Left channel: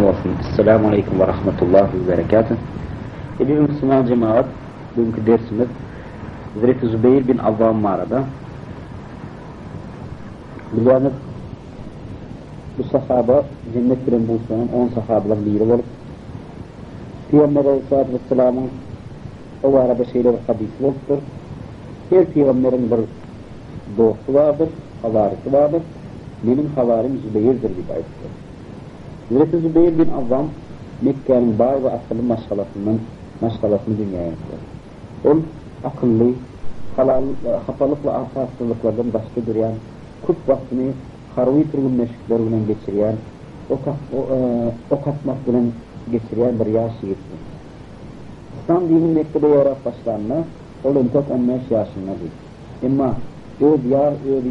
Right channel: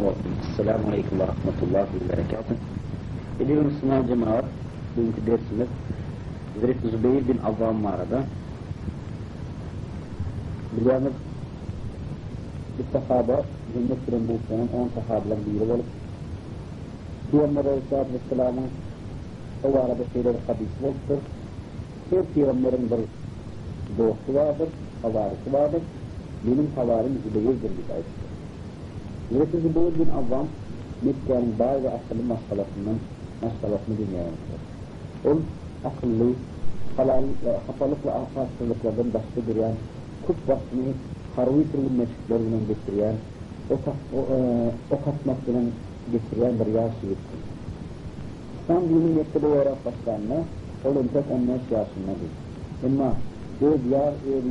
günah olsun. Esselamu Aleyküm ve Rahmetullahi ve Berekatuhu. Bir Müslüman cemaat, bugünkü dersimiz Hazreti Zübeyir bin Avvam mağarada. Bildiğimiz bu sahaba, cennet bilen bulsanın 10 sahabalar biri olup Peygamber Aleyhisselatü Vesselam'ın o arada şeyleri hadisi yoktur. Her peygamberin bir dostu vardır, havarisi vardır. Benim havarim Zübeyir'dir bir ayettir. Hazreti Zübeyir bin Avvam Mekke'nin bağ ve akıllı maşgalasını dünyaya yapıyor. O akıllı, hastalık ve hastalıklardan başka duran, kut vaktini harvi türlü meşgullerle geçiriyen, o katmakla geçiriyen bir yaş yiğittir. İslam dini Mekke'de yarat başlarına, onun çok 15 yaşında değil. Ama öz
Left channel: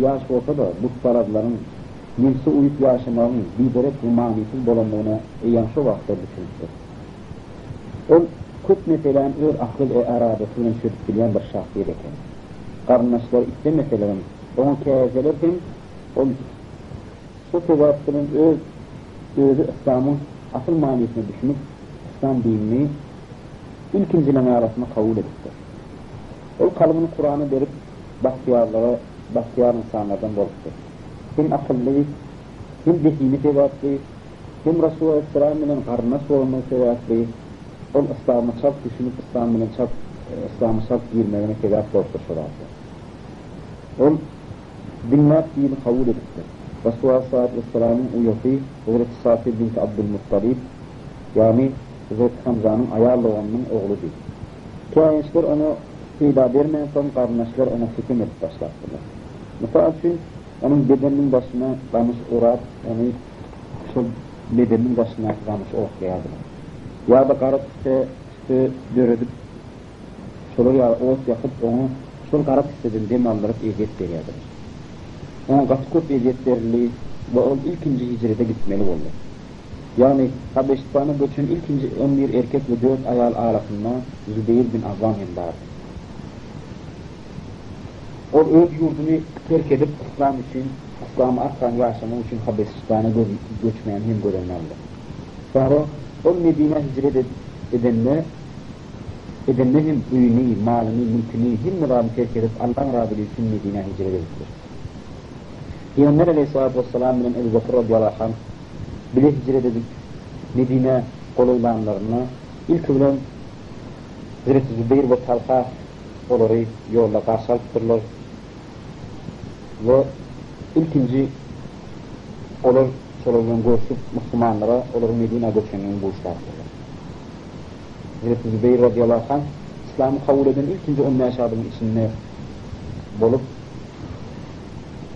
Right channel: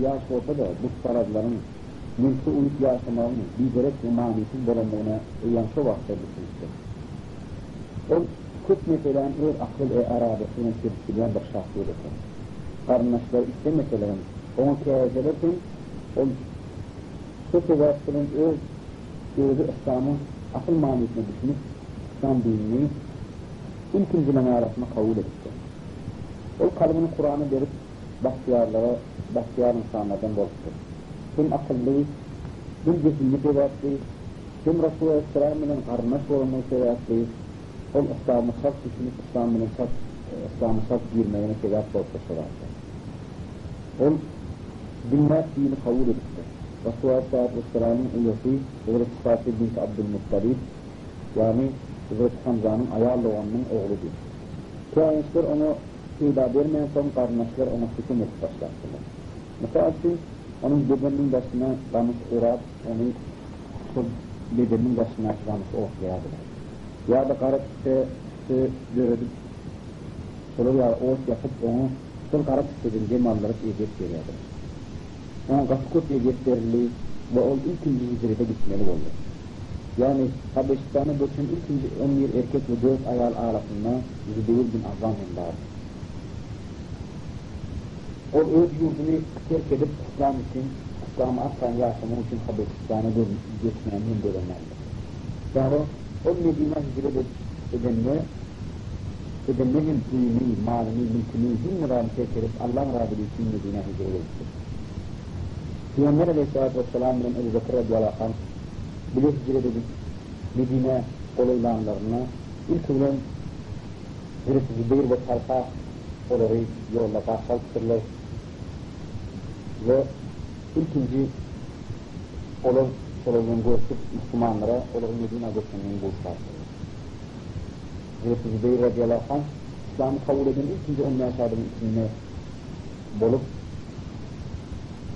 yaş olsa da bu paraların Nilsi uyup yaşamanın liderek rumaniyetin bolanlığına yanşı vakti düşündür. O kut meselenin öz akıl aradasıyla çürütülen bir şahsiyet eken. Karnaşlar iste meselenin onu keyazelerken o çok vaktinin özü İslam'ın asıl maniyetine düşünüp İslam dinini ilkincileme arasında kabul ettiler. O kalbini Kur'an'ı verip bahtiyar insanlardan borçtur. Hem akıllı, hem zihni sevatlı, hem Resulullah Aleyhisselam'ın karnaş olması sevatlı, o İslam'ı çok düşünüp İslam'ı çok girmeyene sevat borçtur şurası. O dinler dini kabul etti. Resulullah Aleyhisselam'ın üyesi, Hazreti Safi binti Abdülmuttalib, yani Hazreti Hamza'nın ayarlığının oğlu değil. Kâyençler onu feyda vermeyen son karnaşlar ona hüküm edip başlattılar. Mesela için onun bedeninin başına kamış uğrar, onu şu bedeninin başına kamış okuyardılar. Ya da karıp üstü dörüdüp, şöyle ya oğuz yapıp onu şol karıp istediğin demandırıp eget veriyorlar. Ona kaçkut eget veriliyiz ve o ilkinci hicrede gitmeli oldu. Yani Habeşistan'a geçen ilkinci 11 erkek ve 4 ayal arasında Zübeyir bin Avvam vardı. O öz yurdunu terk edip İslam için, İslam'ı aktan yaşamak için Habeşistan'a göçmeyen hem görenlerdi. Sonra o Medine hicret edenler hem öyünü, malını, mülkünü, hem mürabı terk edip Allah'ın Rabbi için Medine hicret ediyor. Peygamber Aleyhisselatü Vesselam ile Ebu Bekir radıyallahu anh bile hicret edip Medine olaylarına ilk ölen Hazreti Zübeyir ve Talha onları yolda karşılaştırırlar ve ikinci olur sorulduğun görüşüp Müslümanlara olur Medine göçmeninin buluşlardır. Hazreti Zübeyir radıyallahu anh İslam'ı kabul eden ikinci 10 yaşadığının içinde bulup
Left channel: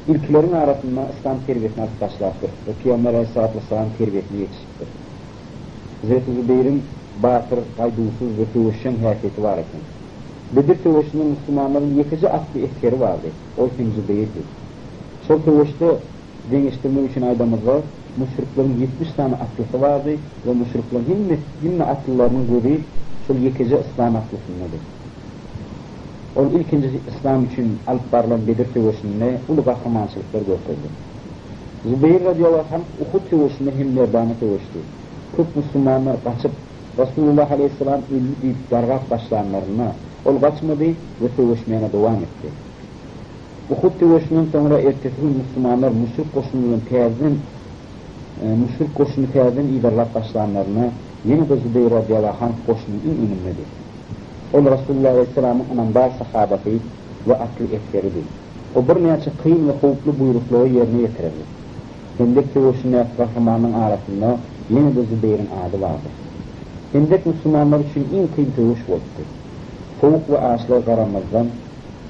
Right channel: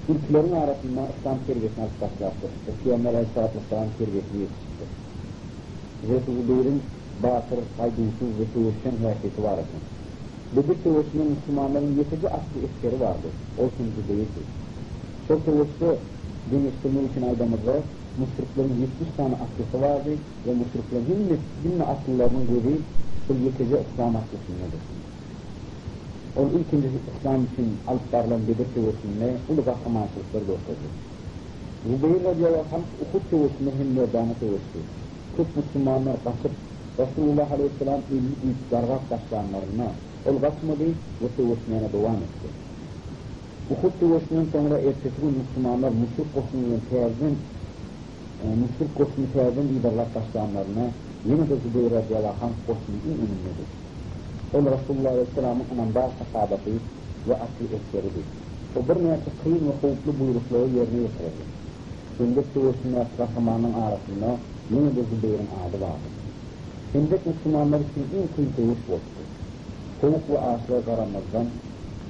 ilklerin arasında İslam terbiyesine başlattır. Ve Peygamber Aleyhisselatü Vesselam terbiyesine yetiştir. Hazreti Zübeyir'in batır, haydusuz ve tövüşen hareketi var eken. Bedir tövüşünde Müslümanların yetici aklı etkeri vardı. O ikinci Zübeyir'dir. Sol tövüşte dengeçtirmek için aydamızda müşriklerin 70 tane aklısı vardı ve müşriklerin himme akıllarının göbeği sol yetici İslam aklısındadır. O ikinci İslam için alpbarla Bedir tövüşünde ulu kahramançılıklar gösterdi. Zübeyir radıyallahu anh Uhud tövüşünde hem merdane tövüştü. Çok Müslümanlar kaçıp Resulullah Aleyhisselam ilmi deyip dargak başlayanlarına ol kaçmadı ve tövüşmeyene devam etti. Uhud tövüşünden sonra ertesi gün Müslümanlar müşrik koşunu teyazden idarlar başlayanlarına yine de Zübeyir radıyallahu anh koşunun önündedir. Ol Resulullah Aleyhisselam'ın anandar sahabeti ve aklı etkeridir. O bir neyse kıyım ve kovuklu buyrukları yerine getirir. Hendek tövüşünde kahramanın arasında yine de Zübeyir'in adı vardır. Hendek Müslümanlar için en kıyım tövüş oldu. Soğuk ve ağaçlar karanlardan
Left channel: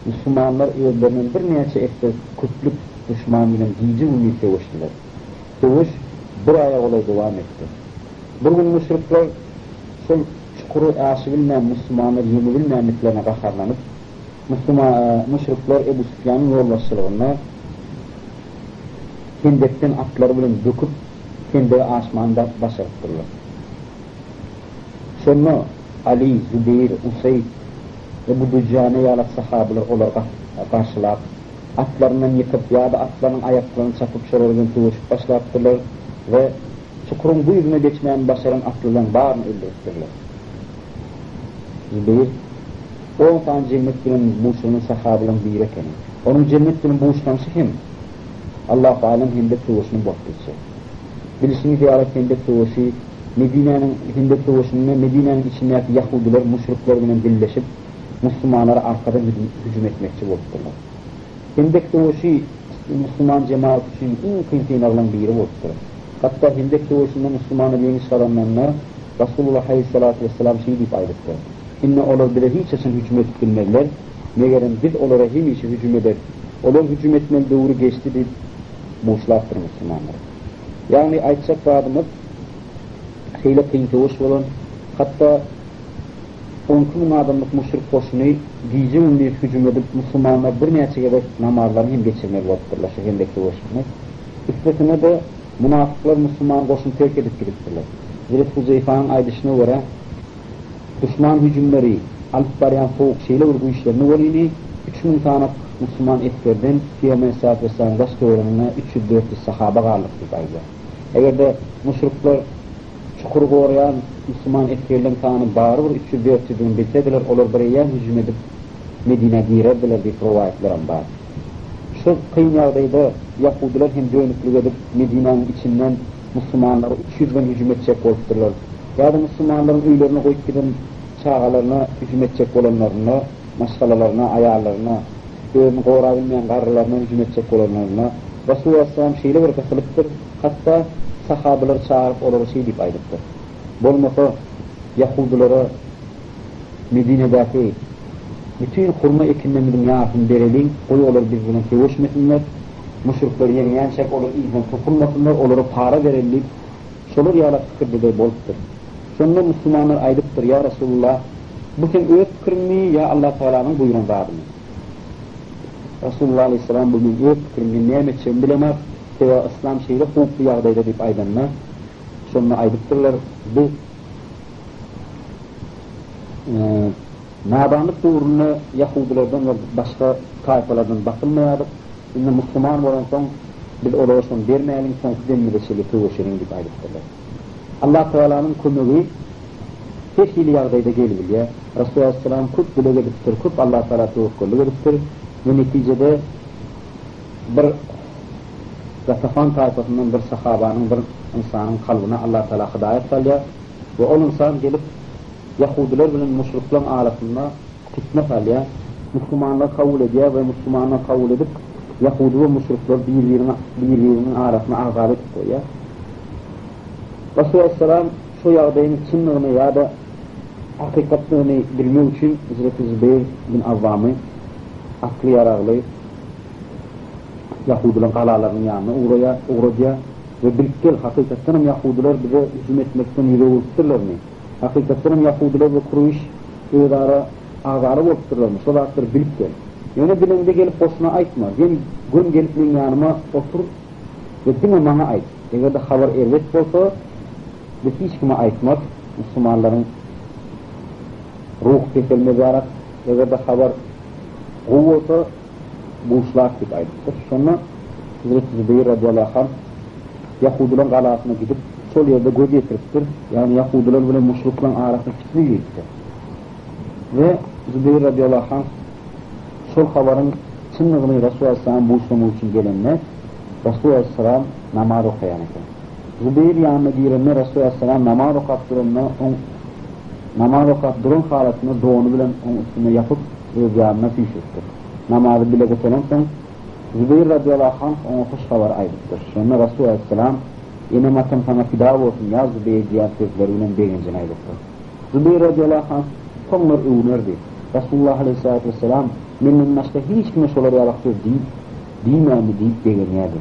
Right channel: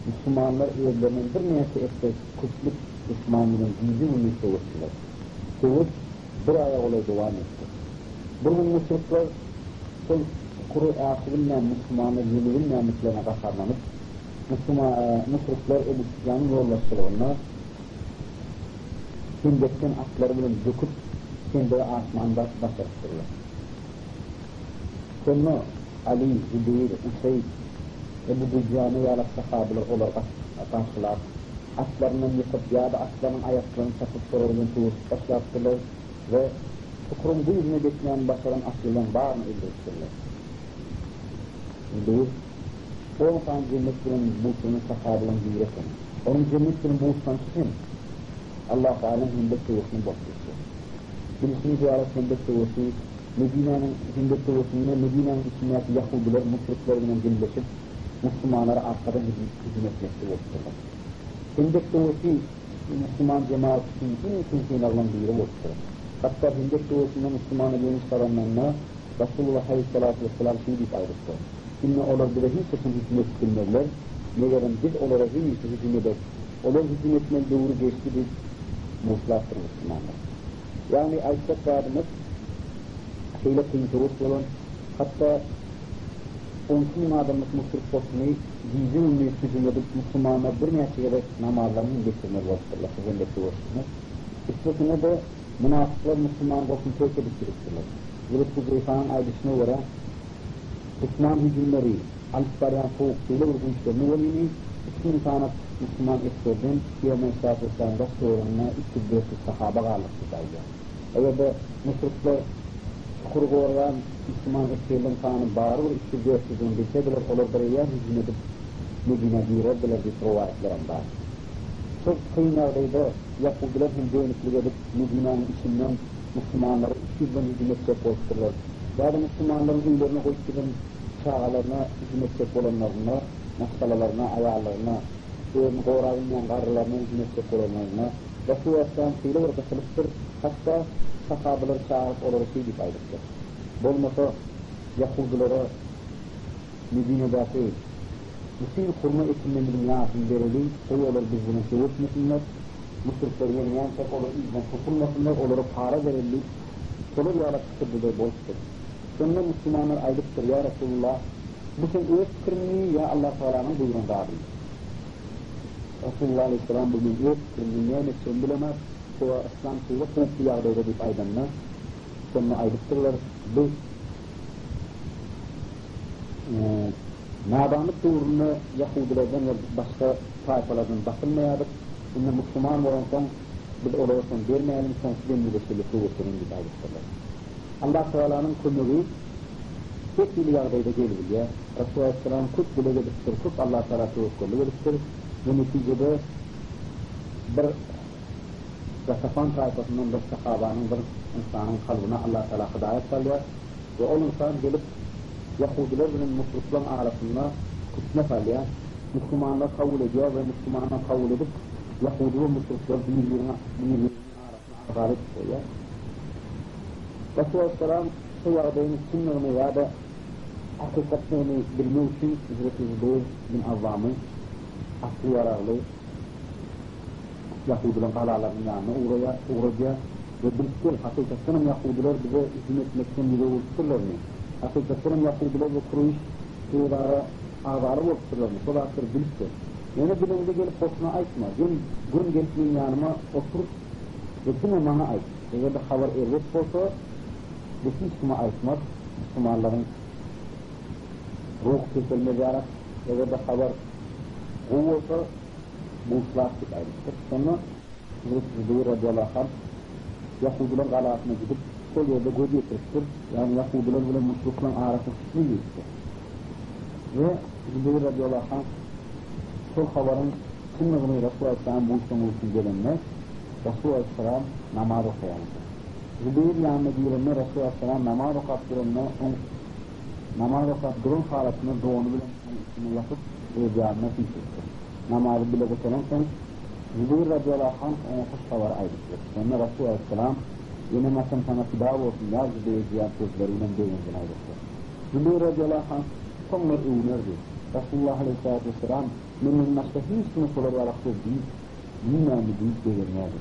Müslümanlar özlerinin bir neyse ekte kütlük düşmanıyla cici ümit tövüştüler. Tövüş bir aya olay devam etti. Bugün müşrikler sol çukuru aşıbilmeyen Müslümanlar yenibilmeyenliklerine bakarlanıp müşrikler Ebu Süfyan'ın yoldaşlarına Hendek'ten atları bilin döküp Hendek'i aşmanda başarıttırlar. Sonra Ali, Zübeyir, Usayd ve bu düccane yalak sahabeler olarak karşılar atlarından yıkıp ya da atların ayaklarını çakıp şöyle tövüşüp başlattılar ve çukurun bu yüzüne geçmeyen başaran aklından var mı öldürürler? Değil. O insan cennetinin buluşunun sahabının bir ekeni. Onun cennetinin buluştansı kim? Allah-u Alem hinde tuğuşunun baktısı. Birisini ziyaret hinde tuğuşu, Medine'nin hinde tuğuşunu, Medine'nin içindeki Yahudiler, müşriklerle birleşip Müslümanlara arkada hücum etmekçi oldular. Hendek tuğuşu Müslüman cemaat için en kıymetlilerden biri oldular. Hatta Hendek tuğuşunda Müslümanı yeni saranlarına Resulullah Aleyhisselatü Vesselam şey deyip ayrıldılar. İnne olur bile hiç esin hücum ettirmezler. Meğerim biz olara hiç hücum eder. Olur hücum etmeli doğru geçti bir boşlaktır Müslümanlar. Yani aytsak vadımız şeyle kıyıntı hoş olan, hatta 10.000 adamlık müşrik koşunu giyci ünlüye hücum edip Müslümanlar bir neçe gerek namarlarını hem geçirmeli vakıtırlar şu hendekte hoşunu. İstetine de münafıklar Müslüman koşunu terk edip gidiptirler. Zirif Huzeyfa'nın aydışına göre düşman hücumları alıp barayan soğuk şeyle bu işlerini volini 3.000 tane Müslüman etkerden Peygamber Aleyhisselatü Vesselam'ın gazete oranına 300-400 sahaba varlıktaydı. Eğer de müşrikler çukuru koruyan Müslüman etkerlerin tane bağırı var 300-400'ün bilsediler olur buraya hücum edip Medine girerdiler bir provayetlerin var. Şu kıyım yağdaydı Yahudiler hem dönüklük edip Medine'nin içinden Müslümanlara 300'den hücum edecek oldular. Ya da Müslümanların üylerine koyup gidin çağalarına hücum edecek olanlarına, maşgalalarına, ayarlarına, dövümü koğrabilmeyen karılarına hücum edecek olanlarına Resulullah Aleyhisselam şeyle bir kasılıktır. Hatta sahabeler çağırıp onlara şey deyip ayrıktır. Bolmasa Yahudilara Medine'deki bütün hurma ekinlerinin yağını verelim, oy olur biz bunun sevişmesinler, müşrikleri yemeyen çek olur, izden tutulmasınlar, onlara para verelim, şolur yağla fikir de boluktur. Sonra Müslümanlar ayrıktır, ya Resulullah, bu sen öğüt fikir mi, ya Allah Teala'nın buyurun var mı? Resulullah Aleyhisselam bugün öğüt fikir mi, ne emetçen bilemez, veya İslam şeyle hukuklu yağdayda deyip aydanlar, sonra ayrıktırlar, bu nadanlık doğruna Yahudilerden ve başka tayfalardan bakılmayadık. Şimdi Müslüman olan son biz olursan vermeyelim, son denmeleşeli kıvışırın gibi ayrıktırlar. Allah Teala'nın konuğu her hili yağdayda geliyor. Resulullah Aleyhisselam kut bile geliptir, kut Allah Teala tevkkullu geliptir. Ve neticede bir Zatafan tayfasından bir sahabanın, bir insanın kalbine Allah Teala hidayet salıyor. Ve o insan gelip Yahudiler bilen müşriklerin arasında fitne salıyor. Müslümanlar kabul ediyor ve Müslümanlar kabul edip Yahudi ve müşrikler birbirinin arasına ağzarlık koyuyor. Resulullah Aleyhisselam şu yağdayın çınlığını ya da hakikatlerini bilmek için Hazreti Zübeyir bin Avvam'ı aklı yararlı Yahudilerin kalalarının yanına uğraya ve birlikte hakikaten Yahudiler bize hücum etmekten yürü oluştururlar mı? Hakikaten Yahudiler ve kuruş idara ağzarı oluştururlar mı? Solatları birlikte. Yani bilende gelip boşuna aytma. Yani gün gelip benim yanıma otur ve dine bana ait. Eğer de haber ervet olsa ve hiç kime aitmaz. Müslümanların ruh kesilme ziyaret eğer de haber o olsa bu ışlak bir aittir. Sonra Hazreti Zübeyir radıyallahu anh Yahudilerin galasına gidip sol yerde göz getiriptir. Yani Yahudiler böyle müşriklerin arasına fitne yürüttü. Ve Zübeyir radıyallahu anh sol haberin çınlığını Resulullah Aleyhisselam buluşturmak için gelenler Resulullah Aleyhisselam namaz okuyanıdır. Zübeyir yanına girenler Resulullah Aleyhisselam namaz okuyup durun halatını doğunu bilen onun üstüne yapıp öz yanına pişirtir. Namazı bile götüren son Zübeyir radıyallahu anh ona hoş haber ayrıktır. Sonra Resulullah Aleyhisselam yine matan sana fida olsun ya Zübeyir diyen sözleriyle beğencin ayrıktır. Zübeyir radıyallahu anh sonlar övünerdi. Resulullah Aleyhisselatü Vesselam memnun başka hiç kime şoları yalaktır değil beğenirdi.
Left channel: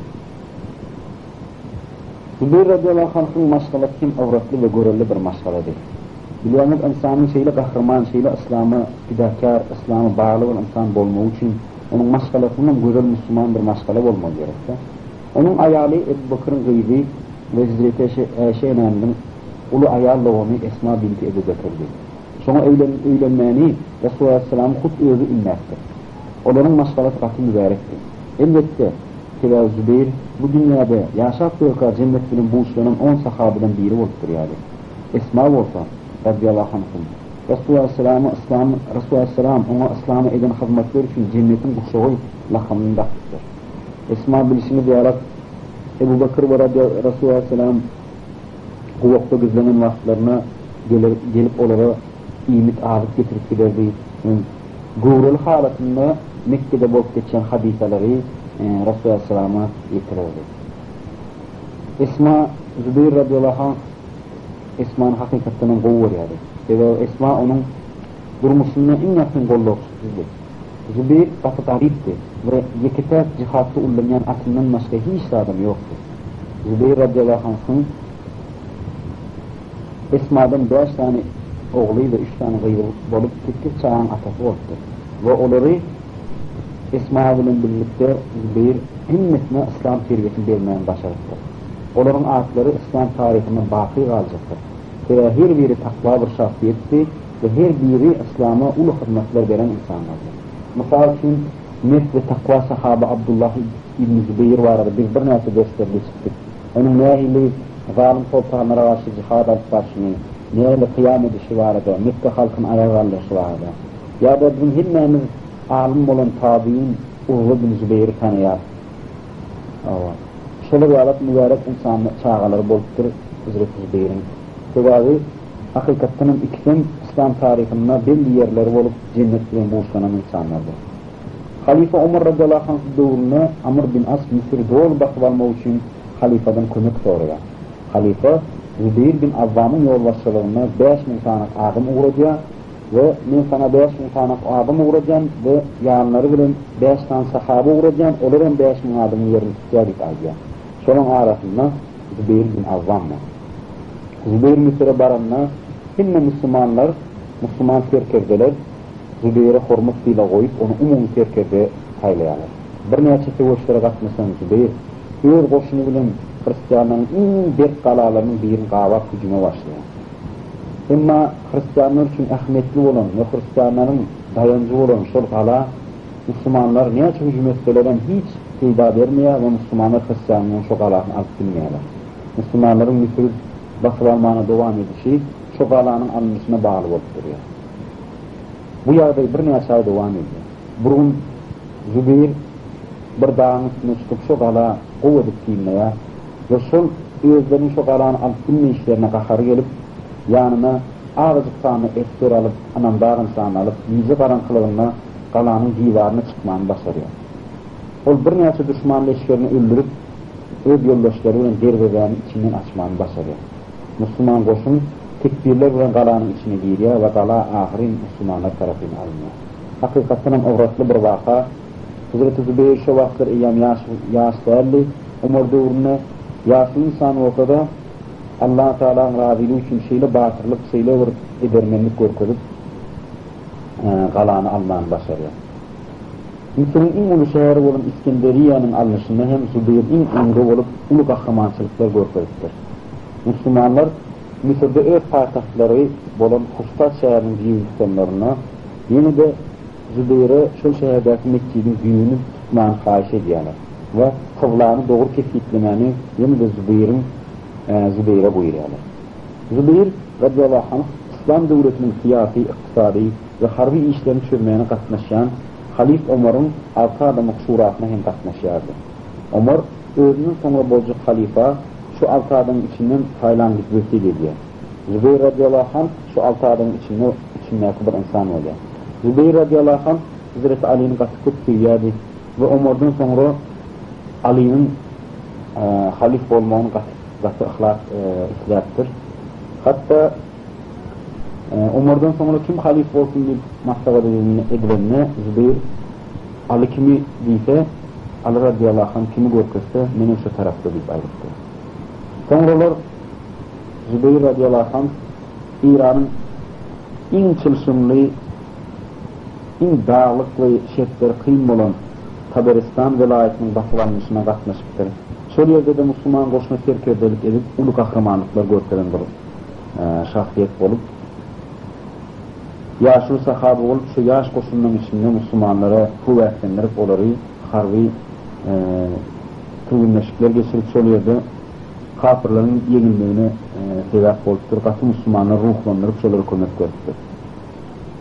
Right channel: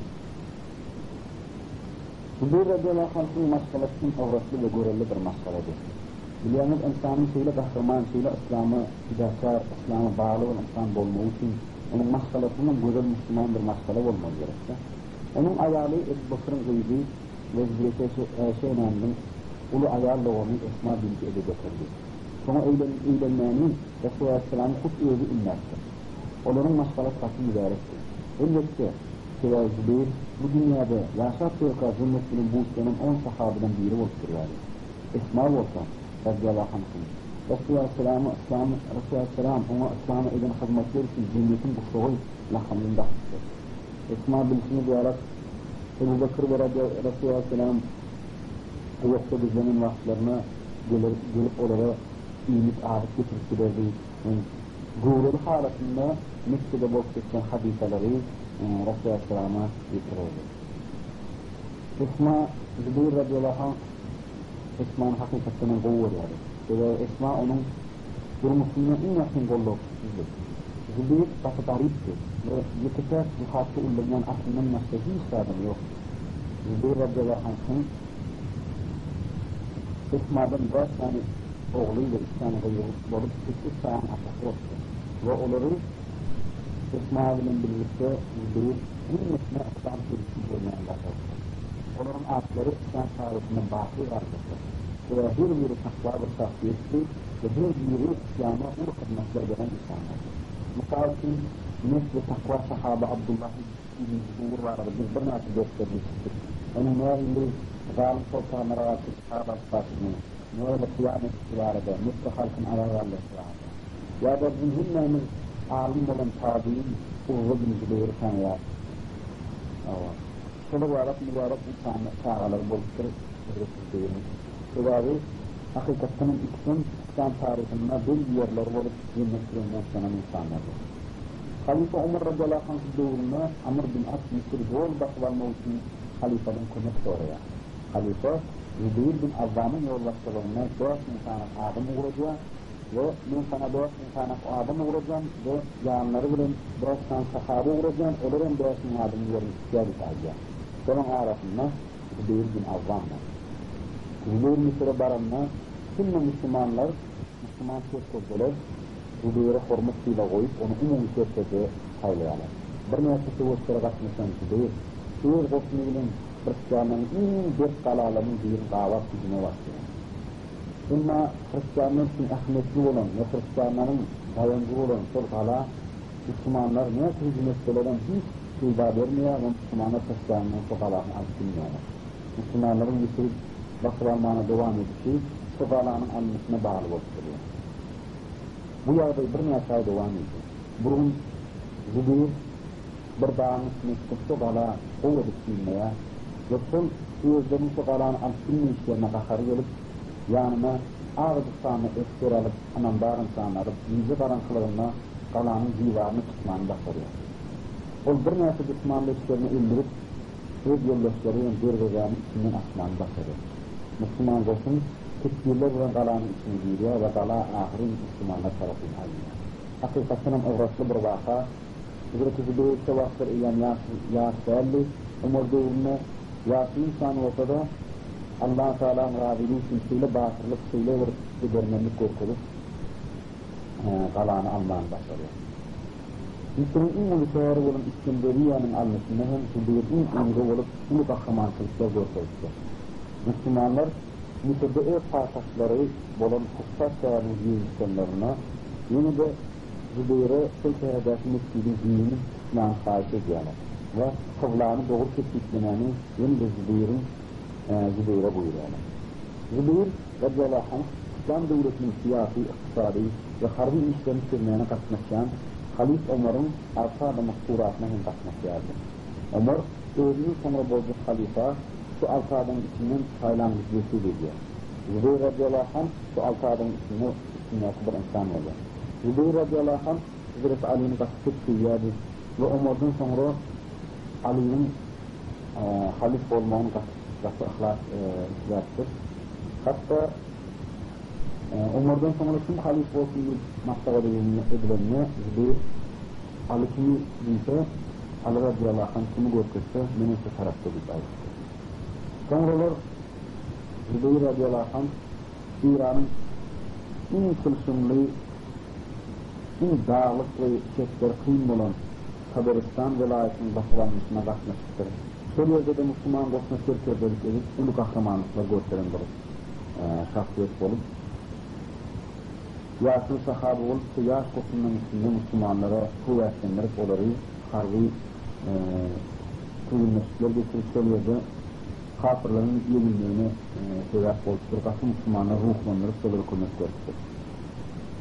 Zübeyir radıyallahu anh'ın maşgalası kim avratlı ve görelli bir maşgaladır. Biliyorsunuz insanın şeyle kahraman, şeyle İslam'a fidakar, İslam'a bağlı olan insan olmak için onun maşgalasının güzel Müslüman bir maşgala olmak gerekir. Onun ayarı Ebu Bakır'ın gıybi ve Hazreti Ayşe Enan'ın ulu ayarlı onu Esma binti Ebu Bakır'dı. Sonra evlenmeni Resulullah Aleyhisselam'ın kut özü inmektir. Onların maşgalası katı mübarektir. Elbette Tela Zübeyir bu dünyada yaşap yoka cennet bilen buğuşlanan 10 sahabeden biri olupdur yani. Esma olsa radiyallahu anhum. Resulullah Aleyhisselam ona İslam'a eden hizmetler için cennetin kuşağı lakabını takmıştır. Esma bilişini duyarak Ebu Bakır ve Resulullah Aleyhisselam bu vakta gözlenen vaktlarına gelip onlara iyilik ağırlık getirip giderdi. Gurul halatında Mekke'de bulup geçen hadiseleri Resulullah Aleyhisselam'a yetirirdi. Esma Zübeyir radıyallahu anh Esma'nın hakikatinin kovu yani. Ve Esma onun durmuşluğuna en yakın kolluksuzdu. Zübeyir vakit arifti ve yekete cihatta ullamayan aklından başka hiç adam yoktu. Zübeyir radıyallahu anh'ın Esma'dan 5 tane oğluyla 3 tane gayrı bolup 8 çağın atası oldu. Ve onları Esma ile birlikte Zübeyir himmetine İslam servetini vermeyen başarıdır. Onların adları İslam tarihine baki kalacaktır. Ve her biri takva bir şahsiyetti ve her biri İslam'a ulu hizmetler veren insanlardır. Mesela için net ve takva sahabı Abdullah İbn Zübeyir vardı. Biz bir neyse gösterdi çıktık. Onun nehili zalim sultanlara karşı cihad alışverişini, nehili kıyam edişi vardı, Mekke halkın ayağı alışı vardı. Ya da bizim himnemiz alim olan tabi'in Uğur bin Zübeyir'i tanıyar. Şöyle bir alat mübarek insan çağaları boluptur Hazreti Zübeyir'in. Sebabı hakikatinin ikisinin İslam tarihinde belli yerleri olup cennetlerin boğuşlanan insanlardır. Halife Ömer radıyallahu anh doğruna Amr bin As Mısır doğru bakıp almak için halifeden kömek soruyor. Halife Zübeyir bin Avvam'ın yolbaşçılığına 5 insanlık adım uğrayacak ve ben sana 5 insanlık adım uğrayacağım ve yanları bilen 5 tane sahabe uğrayacağım, onların 5 adımı yerini ihtiyacı alacağım. Sonun arasında Zübeyir bin Avvam'la. Zübeyir Mısır'a baranına hinne Müslüman terkerdeler Zübeyir'e hurmasıyla koyup onu umum terkerde haylayanlar. Bir neçe sevoçlara katmışsan Zübeyir, öz koşunu bilen Hristiyanların en dert kalalarının birini kavak hücuma başlayan. Ama Hristiyanlar için ahmetli olan ve Hristiyanların dayancı olan şol kala Müslümanlar neçe hücum etselerden hiç kıyda vermeye ve Müslümanlar Hristiyanların şol kalarını alıp bilmeyeler. Müslümanların Mısır basılanmağına devam edişi şol alanın alınmasına bağlı olup duruyor. Bu yağda bir neçe devam ediyor. Bugün Zübeyir bir dağın üstüne çıkıp şol ala kuvvedik dinleye ve şol özlerinin şol alanı alıp bilme işlerine kakarı gelip yanına ağızlık sağını ettir alıp anam dağın sağını alıp yüze karanlıklarına kalanın civarına çıkmanı başarıyor. Ol bir neçe düşmanlı eşlerini öldürüp öz yoldaşlarıyla derbeğinin içinden açmanı başarıyor. Müslüman koşun tekbirler bilen kalanın içine giriyor ve kala ahirin Müslümanlar tarafından alınıyor. Hakikaten uğratlı bir vaka. Hazreti Zübeyir şu vaktlar eyyam yaş değerli, umur doğruna yaşlı insan ortada Allah-u Teala'nın raziliği için şeyle batırlık, şeyle vurup edermenlik korkudup kalanı almanı başarıyor. Mısır'ın en ulu şehri olan İskenderiye'nin alınışında hem Zübeyir'in emri olup ulu kahramançılıklar korkududur. Müslümanlar Mısır'da öz payitahtları olan Hustat şehrinin büyüklüklerine yine de Zübeyir'e şu şehirdeki Mekke'nin büyüğünü tutmanı faiş ediyorlar ve kıvlarını doğru kesiklemeni yine de Zübeyir'e buyuruyorlar. Zübeyir radıyallahu anh İslam devletinin siyasi, iktisadi ve harbi işlerini çözmeyene katlaşan Halif Ömer'in 6 adamlık şurasına hem katlaşıyordu. Ömer özünün sonra bolcuk halife şu 6 adamın içinden Tayland'lık vesile ediyor. Zübeyir radıyallahu anh şu 6 adamın içinden bir insan oluyor. Zübeyir radıyallahu anh Hazreti Ali'nin katıkıp seviyordu ve Ömer'den sonra Ali'nin halif olmağını katı ahlak ihlattır. Hatta Ömer'den sonra kim halif olsun diye mahsaba edilenine Zübeyir Ali kimi deyse Ali radıyallahu anh kimi görkese benim şu tarafta deyip ayrıktır. Sonralar Zübeyir radıyallahu anh İran'ın en çılsımlı, en dağlık ve şefleri kıyım olan Taberistan velayetinin bakılanmışına katmıştır. Şöyle yerde de Müslüman koşuna serkerdelik edip ulu kahramanlıklar gösteren bir şahsiyet olup yaşlı sahabe olup şu yaş koşunun içinde Müslümanlara kuvvetlendirip onları harbi tuğunlaşıklar geçirip soruyordu. Kafirlerin yenilmeyine sebep oluptur. Katı Müslümanlar ruhlandırıp soları kömek gördü.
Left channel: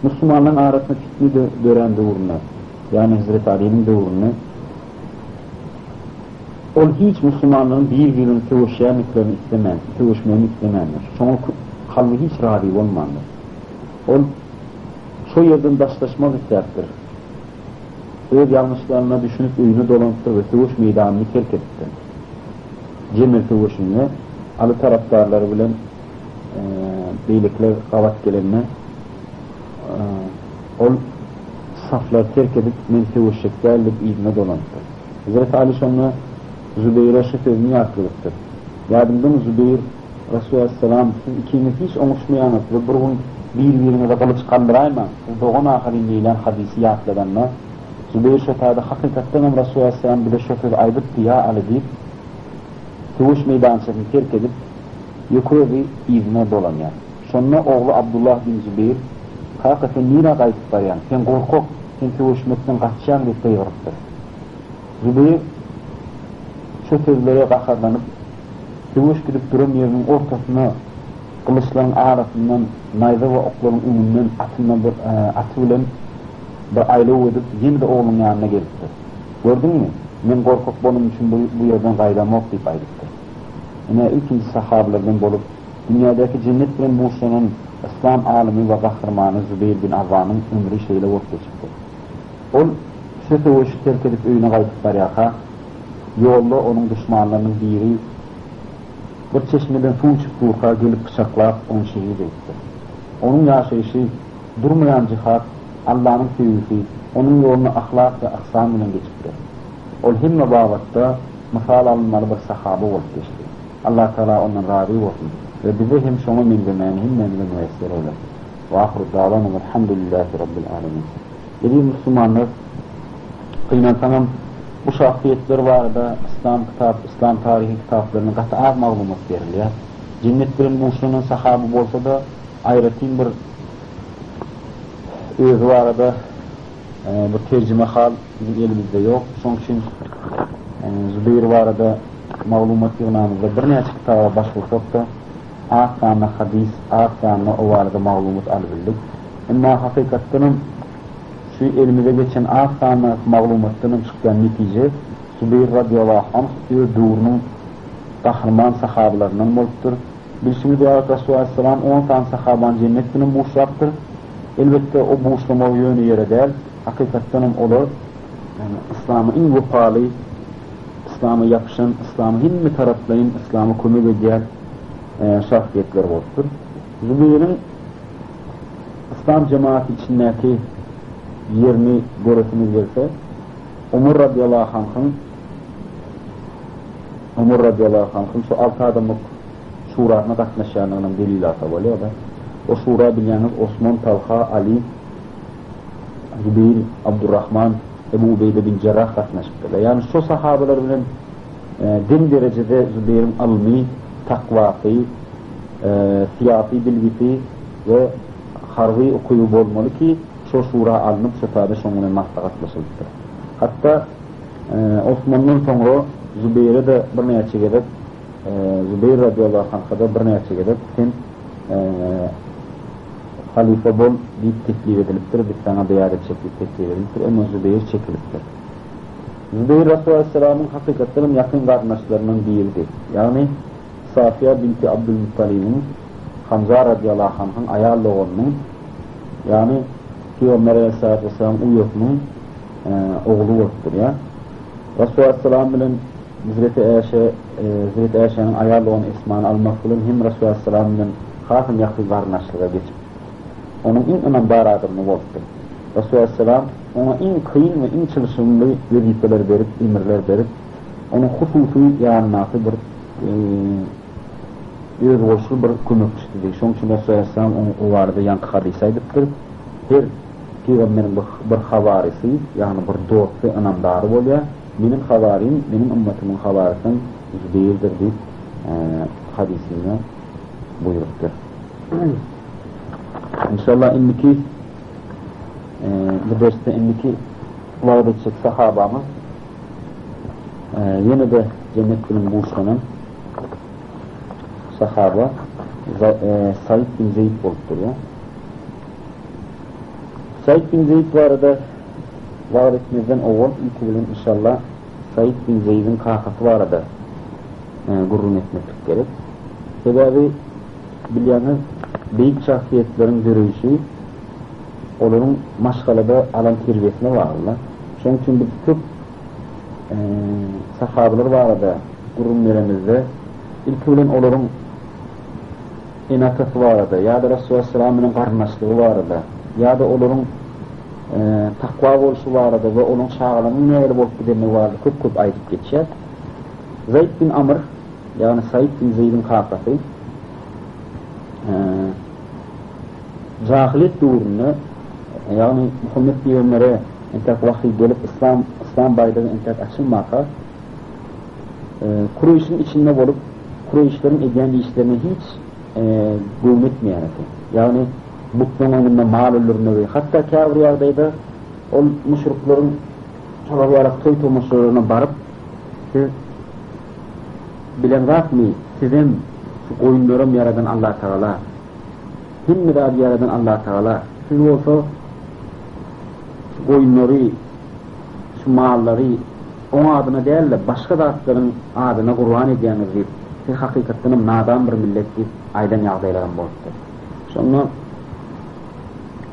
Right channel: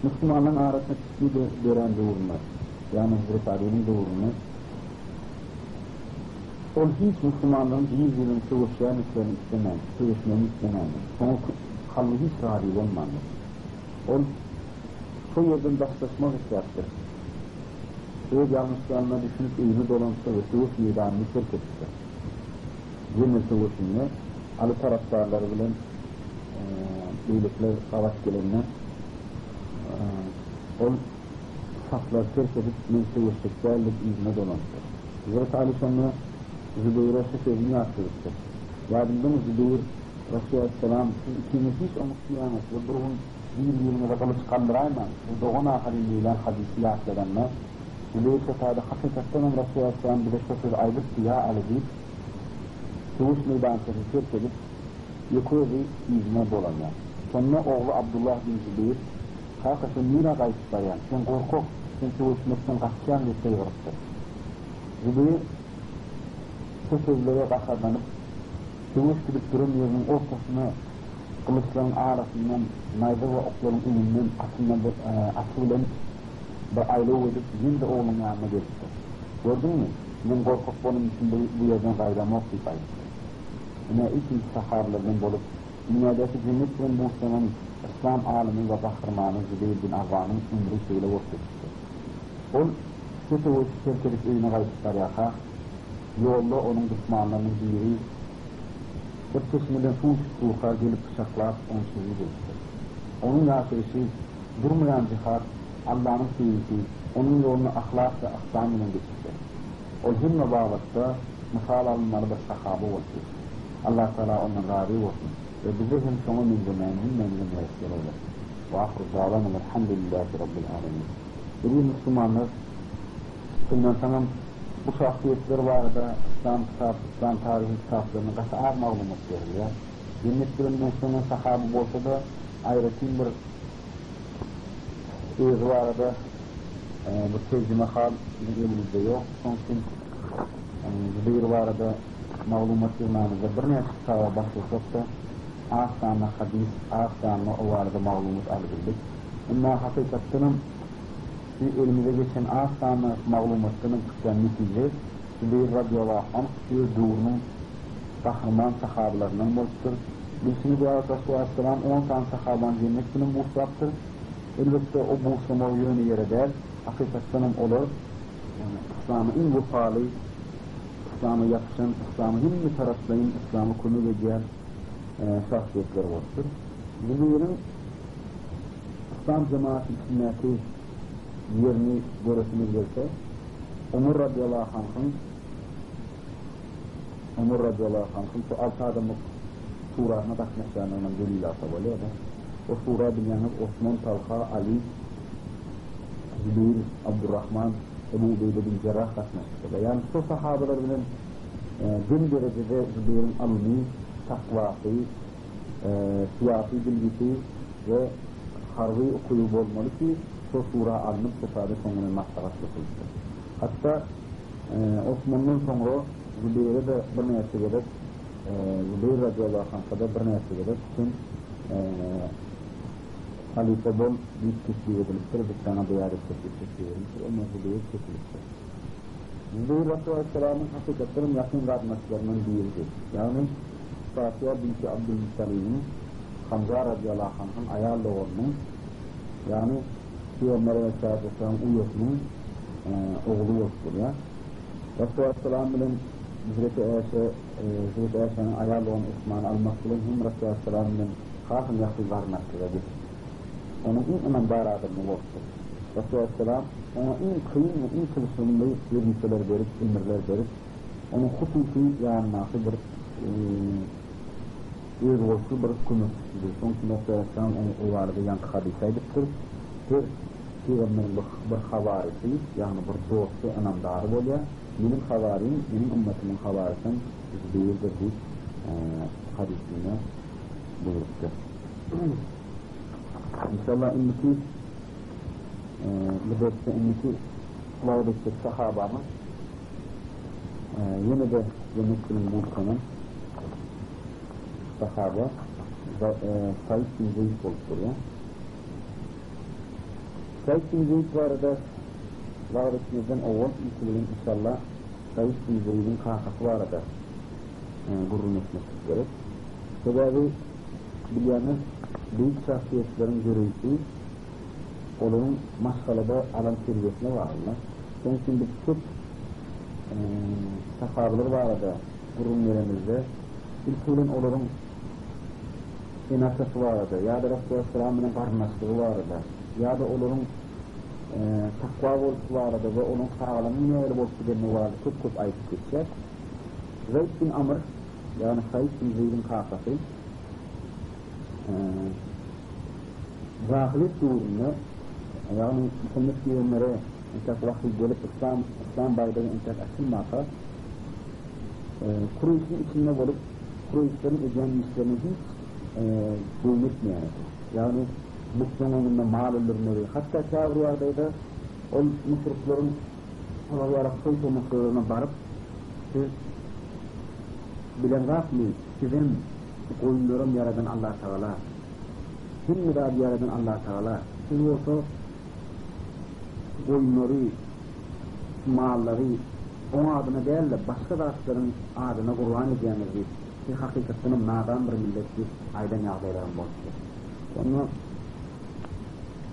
Müslümanların arasında fitni de gören doğruna, yani Hazreti Ali'nin doğruna, ol hiç Müslümanların birbirini tövüşmeyeni istemezler. Sonra kalbi hiç rahat olmanlar. Ol şu yerden daşlaşmak isterdir. Öz yanlışlarına düşünüp öyünü dolanıptır ve tövüş meydanını terk ettir. Cemil tövüşünle alı taraftarları bilen beylikler kavat gelenine ol saflar terk edip men tövüşecek gelip izine dolanıptır. Hazreti Ali sonra Zübeyir'e şu sözünü yakılıptır. Yadımda mı Zübeyir Resulü Aleyhisselam siz ikiniz hiç onuşmayanız ve burun birbirine de kılıç kaldırayma. Bu doğun akabinliyle hadisi yakladığında Zübeyir şoförde hakikatten Resulü Aleyhisselam bir de şoför aydıktı ya Ali deyip tövüş meydancasını terk edip yukarı bir izine dolanıyor. Sonra oğlu Abdullah bin Zübeyir hakikaten nira kayıp var yani. Sen korkuk, sen tövüşmekten kaçacaksın deyip de yoruptur. Zübeyir şoförlere kakarlanıp tövüş gidip durum yerinin ortasına kılıçların arasından nayza ve okların önünden atılan bir aile edip yine de oğlunun yanına gelipti. Gördün mü? Men korkuk bunun için bu yerden gaydamak deyip aydıktır. Yine ikinci sahabelerden bolup dünyadaki cennet bilen buluşanın İslam alimi ve kahramanı Zübeyir bin Avvam'ın ömrü şeyle ortaya çıktı. Ol şu tövüşü terk edip öyüne kaydıklar yaka yolda onun düşmanlarının biri bir çeşmeden su çıktığı gelip bıçaklap onu şehit etti. Onun yaşayışı durmayan cihat, Allah'ın sevgisi, onun yolunu ahlak ve ahsan ile geçti. Ol himme bağlatta misal alınmalı bir sahabe olup geçti. Allah Teala ondan razı olsun ve bize hem şonu mindemeyen hem memnun müessir olur. Ve ahru dağlanım elhamdülillahi rabbil alemin. Dediğim Müslümanlar kıymetamam bu şahsiyetler var da İslam tarihi kitaplarının katı az mağlumat veriliyor. Cennetlerin Musul'un sahabı olsa da ayrıtın bir özü var da bir tercüme hal bizim elimizde yok. Son için Zübeyir var da mağlumat yığınamızda bir neçik kitaba başvursak da az sanlı hadis, az sanlı o var da mağlumat alabildik. Ama hakikatinin şu elimize geçen az sanlı mağlumatının çıkan netice Zübeyir radıyallahu anh diyor doğrunun kahraman sahabelerinin boluptur. Bir şimdi diyor Resulü Aleyhisselam 10 tane sahaban cennetinin boşlaktır. Elbette o boşlama yönü yere değil. Hakikaten olur. Yani İslam'ı en vefalı, İslam'a yapışan, İslam'ı himme taraflayın, İslam'ı kömür ediyen şahsiyetler oluptur. Zübeyir'in İslam cemaati içindeki yerini göresiniz verse Umar radıyallahu anh'ın şu 6 adamlık şurasına katlaşanlığının delili atavalı o da o şura bilyanız Osman, Talha, Ali, Zübeyir, Abdurrahman, Ebu Ubeyde bin Cerrah katlaşmıştır. Yani şu sahabeler bilen din derecede Zübeyir'in almi, takvası, siyasi bilgisi ve harbi okuyup olmalı ki şu şura alınıp şefade şonuna mahtakatlaşılmıştır. Hatta Osman'dan sonra Zübeyir'e de bir neçe gedip Zübeyir radıyallahu anh'a da bir neçe gedip sen halife bol deyip teklif ediliptir, bir sana beyaret çekip teklif ediliptir, ama Zübeyir çekiliptir. Zübeyir Resulü Aleyhisselam'ın hakikatlerin yakın kardeşlerinden biridir. Yani Safiye binti Abdülmuttalib'in Hamza radıyallahu anh'ın ayarlı oğlunun yani Peygamber Aleyhisselatü Vesselam Uyuk'un oğlu oluptur ya. Resulü Aleyhisselam bilen Hazreti Ayşe'nin ayarlı olan ismini almak bilen hem Resulü Aleyhisselam bilen hakim yakın kardeşliğe geçip onun en önemli baradırını oluptur. Resulü Aleyhisselam ona en kıyın ve en çalışımlı vezifeler verip, emirler verip onun hususi yanınası bir özgürlüğü bir kömekçisidir. Şunun için Resulü Aleyhisselam onu o vardı yankı hadis aydıptır. Her Peygamberin bir havarisi, yani bir dostu, anamdarı oluyor. Benim havarim, benim ümmetimin havarisinden değildir deyip hadisine buyuruptur. İnşallah inniki bu derste inniki vaad edecek sahabamız Yine de cennetinin Musa'nın sahaba Said bin Zeyd bolup duruyor. Said bin Zeyd bu arada var etmezden oğul ilk bilen inşallah Said bin Zeyd'in kakası var arada gurrun etmek gerek. Sebebi bilyanız büyük şahsiyetlerin görüşü onların maşgalada alan terbiyesine varlar. Şunun için bir çok sahabeler var arada gurrun verenizde ilk bilen onların inatası var arada ya da Resulullah Aleyhisselam'ın karnaşlığı var arada ya da onların takva oluşu var arada ve onun şağalarının neler bolup gidenliği vardı köp ayıp geçer. Zeyd bin Amr yani Said bin Zeyd'in kakası cahiliyet durumunu yani Muhammed Peygamber'e entek vahiy gelip İslam bayrağı entek açılmaka Kureyş'in içinde bolup Kureyş'lerin ediyen işlerini hiç gövüm etmeyen yani buktan onunla mal ölürüne ve hatta Kavriyardayda o müşriklerin olarak toy tomaşlarına barıp siz bilen var mı sizin oyunlarım yaradan Allah Teala kim mirad yaradan Allah Teala siz olsa oyunları şu malları onun adına değil de başka dağıtların adına kurban ediyeniz deyip siz hakikatinin nadan bir millet deyip aydan yağdayların bozdu. Sonra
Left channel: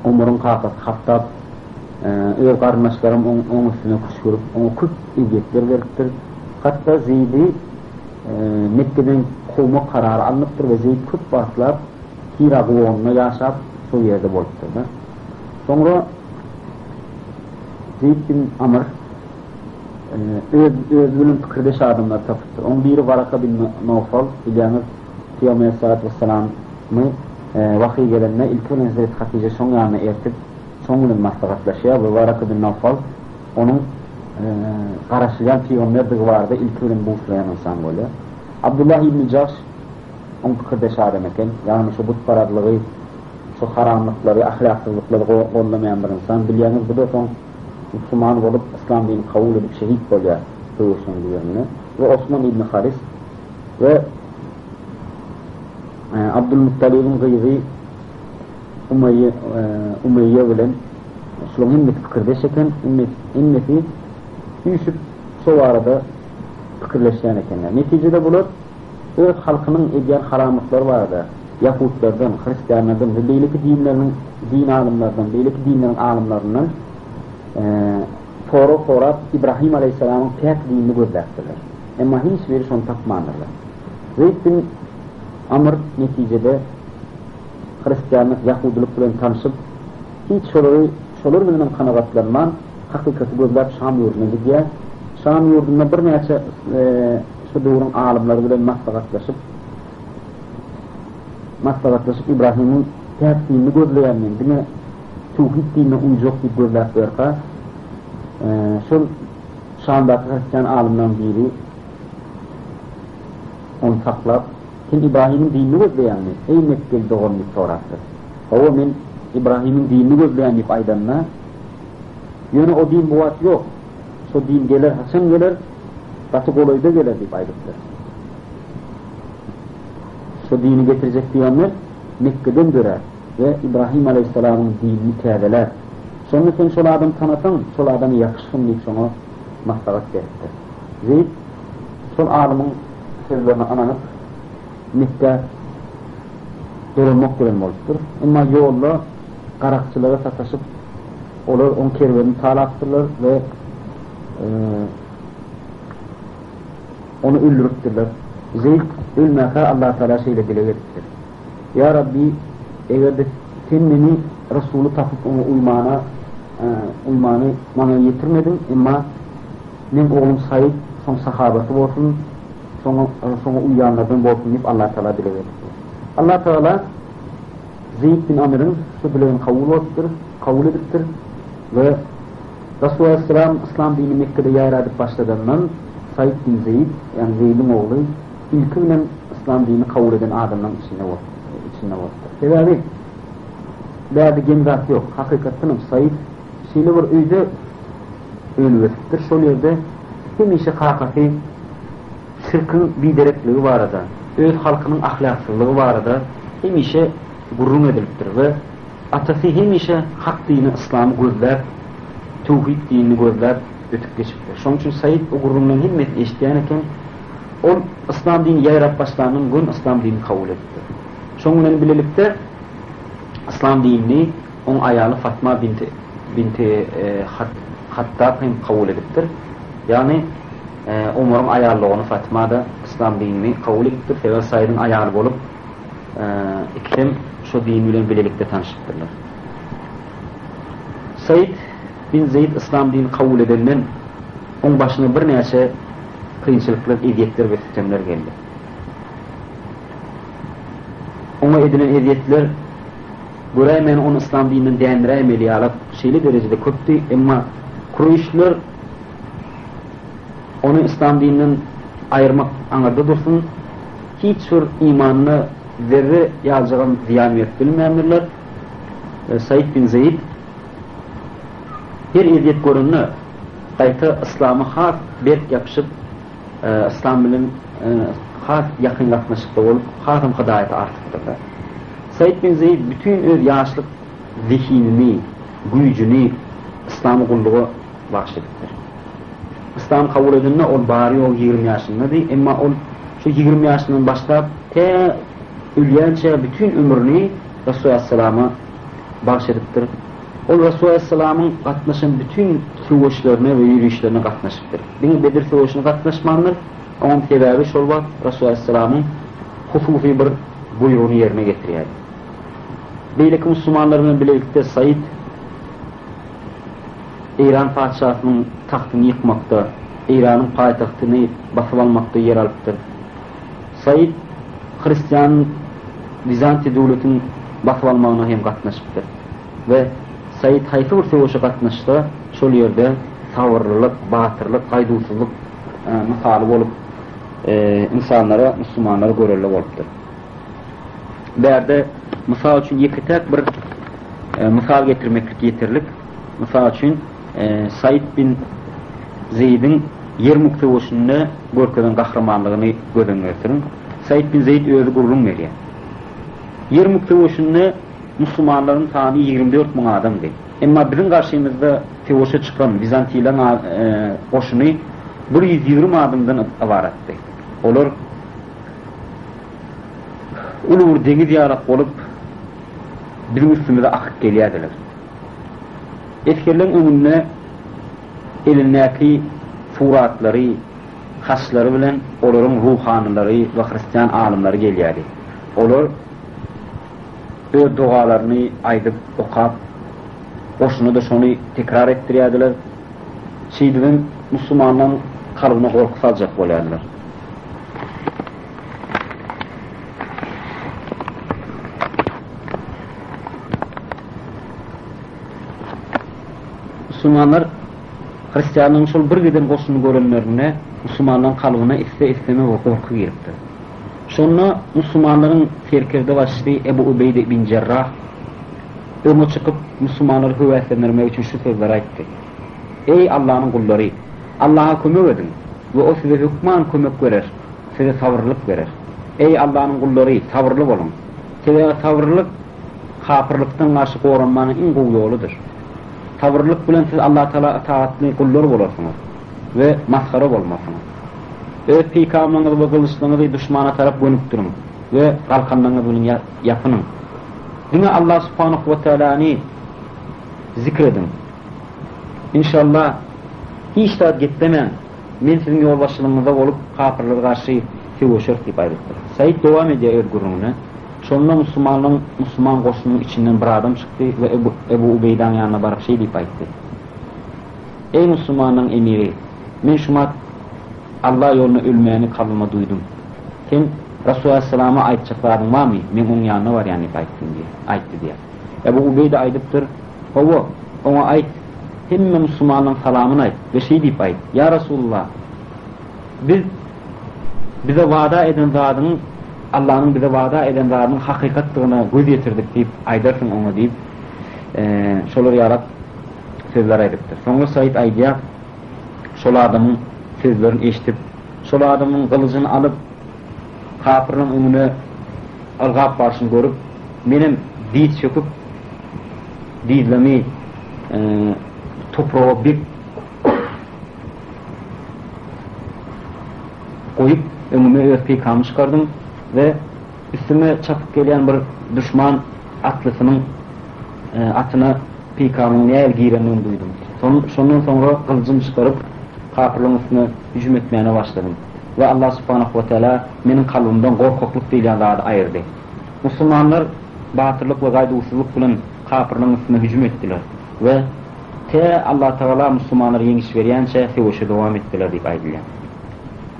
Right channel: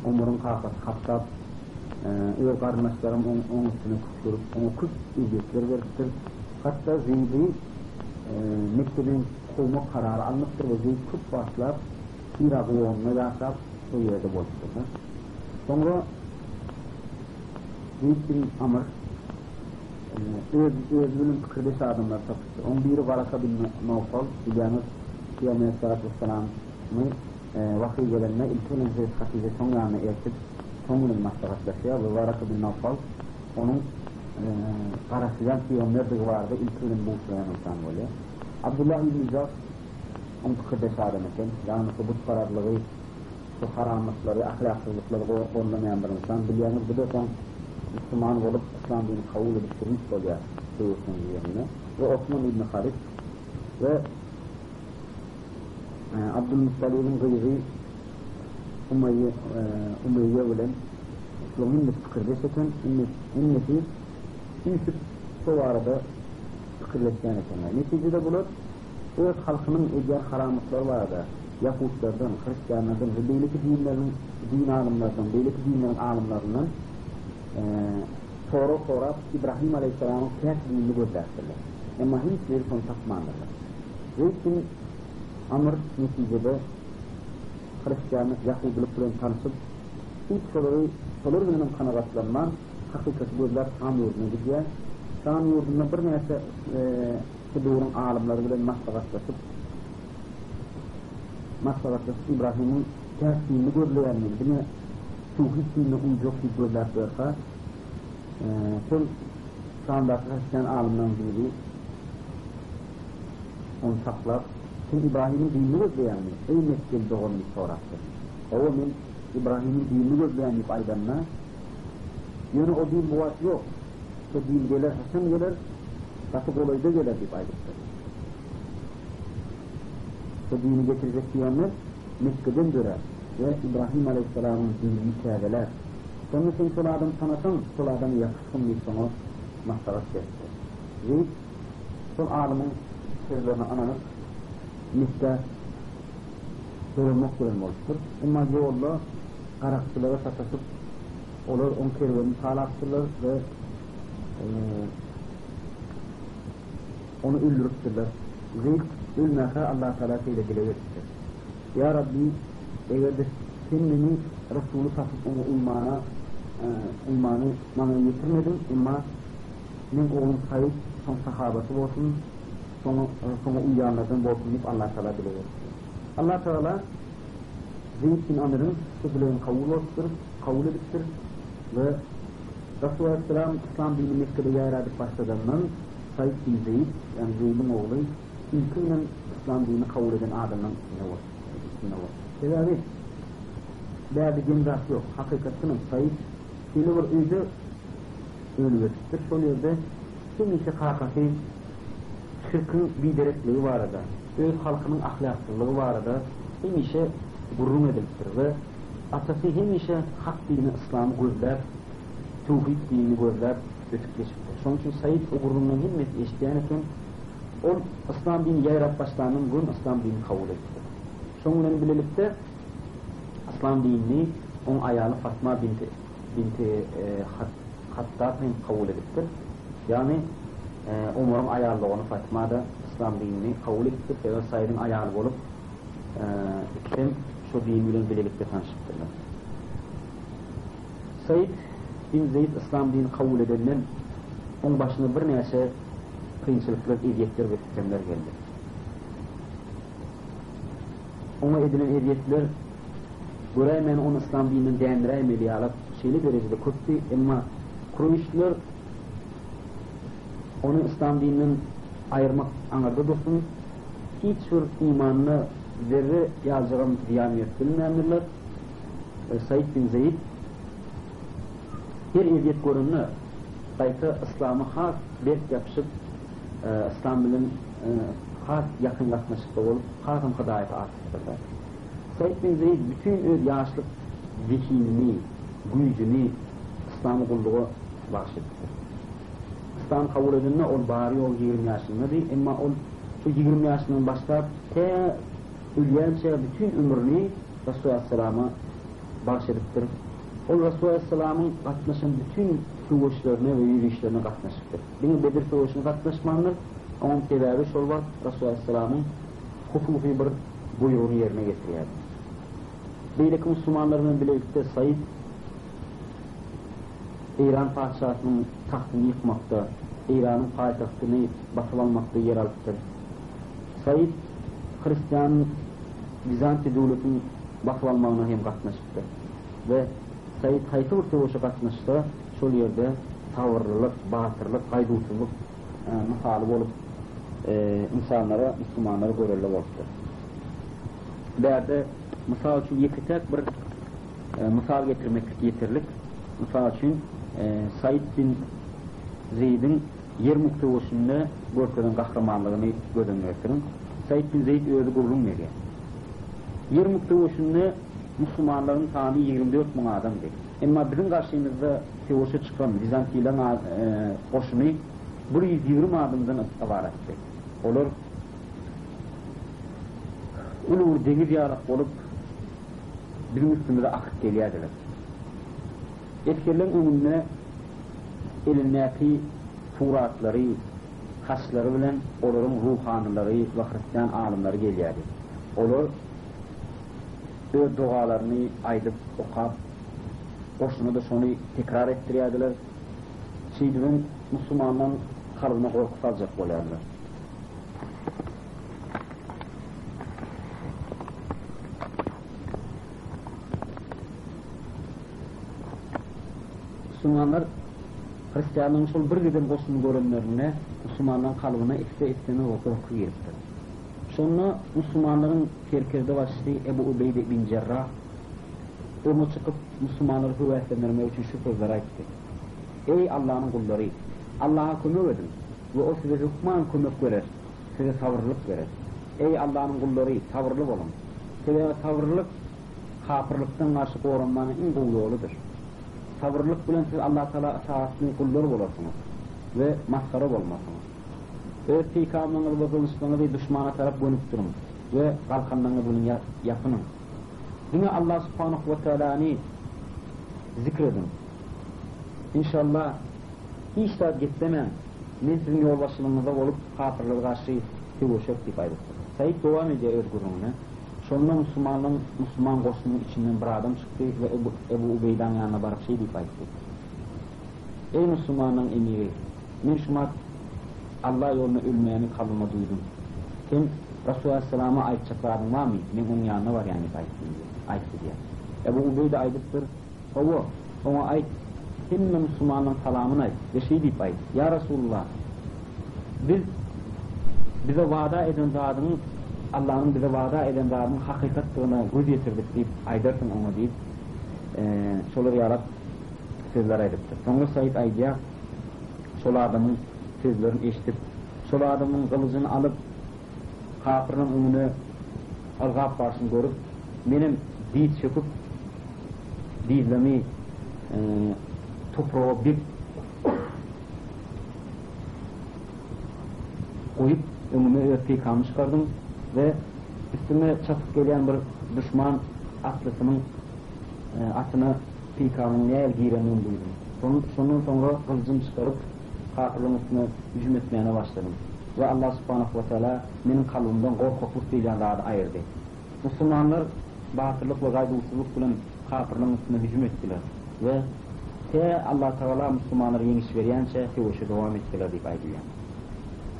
Umar'ın kakası Hattab öz kardeşlerim onun üstüne kuş görüp onu küp ilgetler veriptir. Hatta Zeyd'i Mekke'den kovma kararı alınıptır ve Zeyd küp baslar Irak oğluna yaşap şu yerde boluptur. Sonra Zeyd bin Amr öz bölüm fikirdeş adamlar tapıttır. Onun biri Varaka bin Nawfal bilyanız Peygamber Aleyhisselatü Vesselam'ı vahiy gelenine ilk önce Hazreti Hatice son yanına ertip son günün maslahatlaşıyor ve Varaka bin Nawfal onun karşılayan peygamberdir vardı ilk önce bu uslayan insan böyle. Abdullah İbn Caş onun fikirdeş adam eken yani şu but paradlığı şu haramlıkları, ahlaksızlıkları kollamayan bir insan bilyanız bu da son Müslüman olup İslam dini kabul edip şehit oluyor dövüşün diyorlar. Ve Osman İbn Haris ve Abdülmuttalib'in gıyri Umeyye bilen Şulun himmet fikirdeş eken himmeti üyüşüp şu arada fikirleşen ekenler. Neticede bular öz halkının ediyen haramlıkları vardı. Yahudlardan, Hristiyanlardan ve belki din alımlardan, belki dinlerin alımlarından Torap İbrahim Aleyhisselam'ın pek dinini gözlerdiler. Ama hiçbiri son tapmanırlar. Zeyd bin Amr neticede Hristiyanlık, Yahuduluk bilen tanışıp hiç şolar bilen kanagatlanman hakikati gözler Şam yurduna gidiyor. Şam yurduna bir neçe şu doğrun alimleri bilen maslahatlaşıp İbrahim'in pek dinini gözleyenler dine tevhid dinine uyacak bir gözlerdiler. Şu Şam'daki Hristiyan alimden biri onu saklap kim İbrahim'in dinini gözleyenler ey Mekke'li doğumlu soraktır. O men İbrahim'in dinini gözleyenler aydanına yani o din bu at yok. Şu din gelir, Hasan gelir batı kolayda gelir deyip aydıktır. Şu dini getirecek diyenler Mekke'den dörer ve İbrahim Aleyhisselam'ın dinini teadeler. Sonra sen şol adam tanısan, şol adamı yakışsın deyip sonra maslahat verirdir. Zeyd, şol alimin sözlerine ananıp Mekke durulmak bilen oluştur. Ama yolla qarakçılara sataşıp onlar on kervanını talaktırlar ve onu öldürüptürler. Zeyd ölmekar Allah Teala şeyle dile getirtir. Ya Rabbi eğer de sen beni Resulü tapıp onu uymanı bana yetirmedin ama benim oğlum Said son sahabası olsun sonra uyanlardan olsun deyip Allah Teala dile getirtir. Allah Teala Zeyd bin Amr'ın şu bileğini kabul ediptir ve Resulullah Aleyhisselam İslam dini Mekke'de yayradıp başladığından Said bin Zeyd yani Zeyd'in oğlu ilkinden İslam dini kabul eden adamların içinde oldu. Sebebi derdi gemzat yok. Hakikatınım Said şeyle var öyde ölüvesittir. Şol yerde hemişe kakati şirkin biderekliği barada, öz halkının ahlaksızlığı barada hemişe gurrun edilipdir ve atası hemişe hak dini, İslam'ı gözler, tevhid dinini gözler ötüp geçipdir. Şoň üçin Said o gurrundan himmet eşdiýän eken, ol İslam dini ýaýrap başlanyň gün İslam dinini kabul etdi. Şoň bilen bilelikde İslam dinini on ayalı Fatma binti Hattab hem kabul edipdir. Yani Umar'ın ayarlığını Fatma da İslam dinini kabul edipdir. Sebep Said'in ayarlı bolup ikisem şu din bilen bilelikde tanışıpdırlar. Said bin Zeyd İslam dinini kabul edenden on başına bir näçe kıyınçılıklar, eziyetler ve sistemler geldi. Ona edilen eziyetler göremeyen onu İslam dininden değindiremeli alıp şeyli derecede köptü, ama Kureyşler onu İslam dininden ayırmak anarda dursun, hiç bir imanını zerre yazacağın ziyamiyet bilmeyenlerler. Said bin Zeyd bir eziyet görünü kayta İslam'a has berk yapışıp İslam bilen has yakınlaşmışlıkta olup hasım hidayeti artıktırlar. Said bin Zeyd bütün öz yaşlık zihnini, gücünü İslam'a kulluğu bahşedipdir. İslam kabul edilme ol bari o 20 yaşında değil, ama ol şu 20 yaşından başlayıp te ölýänçe bütün ömrünü Resulullah Aleyhisselam'a bahşedipdir. O Resulullah Aleyhisselam'ın katnaşan bütün savaşlarına ve yürüyüşlerine katnaşıptır. Beni Bedir savaşına katnaşmanlar, onun sebebi şol var, Resulullah Aleyhisselam'ın hususi bir buyruğunu yerine getirýär. Beýleki Müslümanlarla birlikde Said İran padişahının tahtını yıkmakta, İran'ın payitahtını basıp almakta yer alıptır. Said Hristiyan Bizanti devletinin basıp almağına hem katnaşıptır. Ve Said hayfı bir savaşa katnaştı, şol yerde savırlılık, batırlık, gaýdusuzlyk misali bolup insanlara, Müslümanlara görelli bolupdyr. Berde misal üçin ýeki tek bir misal getirmeklik yeterlik. Misal üçin Said bin Zeyd'in Yermuk savaşynda görkeden kahramanlygyny gözden geçiriň. Said bin Zeyd özü gurrun berýär. Yermuk savaşynda Müslümanlaryň sany 24 000 adamdy. Emma bizim karşımızda savaşa çıkan Bizantiýlar goşuny 120 adamdan ibaratdy. Olar ulur deňiz ýarak bolup bizim üstümizde akyp gelýärdiler. Eskerlerin önüne elindeki suratlary, haslary bilen olaryň ruhanylary we Hristiyan alimleri gelýärdi. Olar öz dualaryny aýdyp okap, goşuny da şonu tekrar etdirýärdiler. Şeýdibin Müslümanyň kalbyna gorky saljak bolýardylar. Müslümanlar Hristiyanlygyň şol bir giden goşuny görenlerine Müslümanlaryň kalbyna iste-isteme gorky giripdir. Şonu Müslümanlaryň serkerde başly Ebu Ubeyde bin Cerrah öňe çykyp Müslümanlary höwetlendirmek üçin şu sözler aýtdy. Ey Allahyň gullary, Allaha kömek edin we o size hükman kömek berer, size sabırlyk berer. Ey Allahyň gullary, sabırly bolun. Size sabırlyk kafirlikden garşy goranmanyň iň gowy ýoludyr. Sabırlyk bilen siz Allah Taala taatly kullar bolarsyňyz we maskara bolmasyňyz. Öz pikamlaryňyzy we gylçlaryňyzy düşmana tarap gönüp durun we galkanlaryňyz bilen ýapynyň. Dine Allah Subhanahu we Taala'ny zikredin. İnşallah hiç taat gitmemen, men sizin ýolbaşçylygyňyzda bolup kafirlere garşy sewşer diýip aýdypdyr. Said dowam edýär gurruna. Şonda Müslüman goşunyň içinden bir adam çykdy we Ebu Ubeydaň ýanyna baryp şey diýip aýtdy. Ey Müslümanyň emiri, men şuma Allah ýoluna ölmegini kalbyma duýdum. Sen Resulullah sallallahu aleyhi ve sellem aýtjaklaryň barmy? Men onuň ýanyna bar ýany aýtdy diýär. Ebu Ubeyde aýdypdyr. Owa, ona aýt, hemme Müslümanyň salamyny aýt we şey diýip aýt. Ya Resulullah, bize wada eden zadyň Allah'ın bize vada eden zadyň hakykatlygyna göz ýetirdik diýip aýdarsın oňa diýip şolar ýarap sözler aýdypdyr. Soňra Said aýdýar, şol adamyň sözlerini eşitip, şol adamın kılıcını alıp kafirinin önüne algap başını görüp, benim diz çöküp, dizlemi toprağa bir koyup önüme öfkeyi kalmış çıkardım ve üstüme çapıp gelen bir düşman atlısının atına pikamın neyel giyirenliğini duydum. Sondan sonra kılıcımı çıkarıp kafirlerin üstüne hücum etmeyene başladım. Ve Allah subhanahu ve teala benim kalbimden korkakluk değil Allah'ı ayırdı. Müslümanlar batırlık ve gaydusuzluk bilen kafirlerin üstüne hücum ettiler. Ve Allah Teala Müslümanlara yeniş veriyençe sevuşa devam ettiler deyip aydılıyor.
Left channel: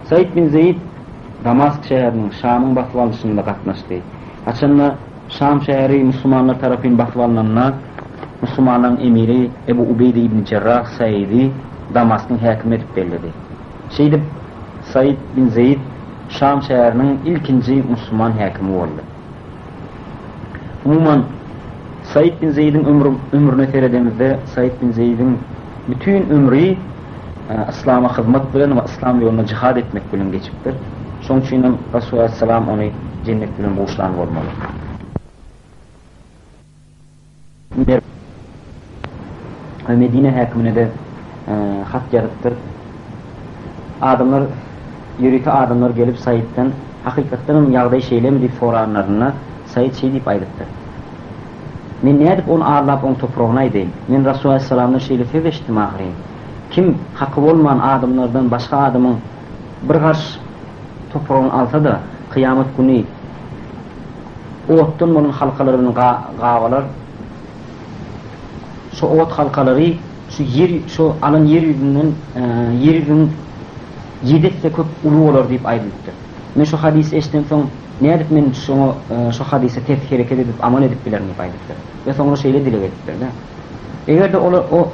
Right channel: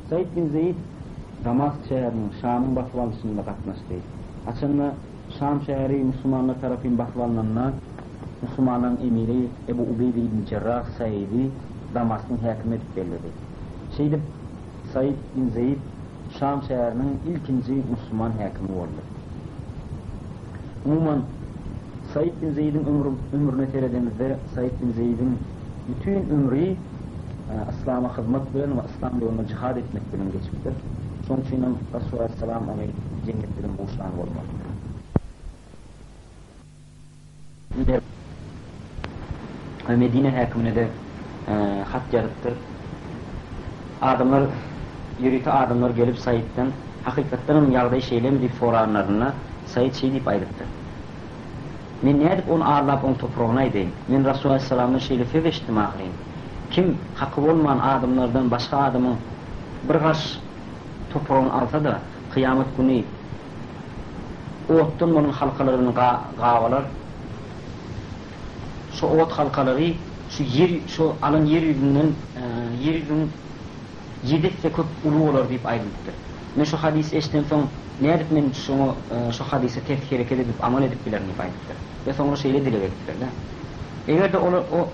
Said bin Zeyd Damask şehrinin Şam'ın basıp alışında katlaştı. Açınla Şam şehri Müslümanlar tarafından basıp alınanına Müslümanların emiri Ebu Ubeyde ibn Cerrah Said'i Damask'ın hakim edip belirledi. Said bin Zeyd Şam şehrinin ilkinci Müslüman hakimi oldu. Umuman Said bin Zeyd'in ömrüne seyredemizde Said bin Zeyd'in bütün ömrü İslam'a hizmet bilen ve İslam yoluna cihad etmek bilen geçiptir. Şoň üçin Resulullah Aleyhisselam onu cennet bilen boşlan olmalı. Medine hakimine de hat yazıptır. Adamlar gelip Said'den hakikaten yağday şeyle deyip soranlarına Said şey deyip aydıptır. Men ne edip onu ağırlap onu toprağına edeyim. Men Resulullah Aleyhisselam'ın şeyle fevleştim ahireyim. Kim hakkı olmayan adamlardan başka adamın bir karşı toprağını alsa da kıyamet günü oğuttan bunun halkalarını gavalar, şu oğut halkaları şu alan yeryüzünün yedekse köp ulu olur deyip ayrılıktır. Men şu hadisi eşten son ne edip men şu hadisi tefkir hareket edip amal edip bilerim deyip ayrılıktır. Ve sonra şeyle dile ettikler. Eğer de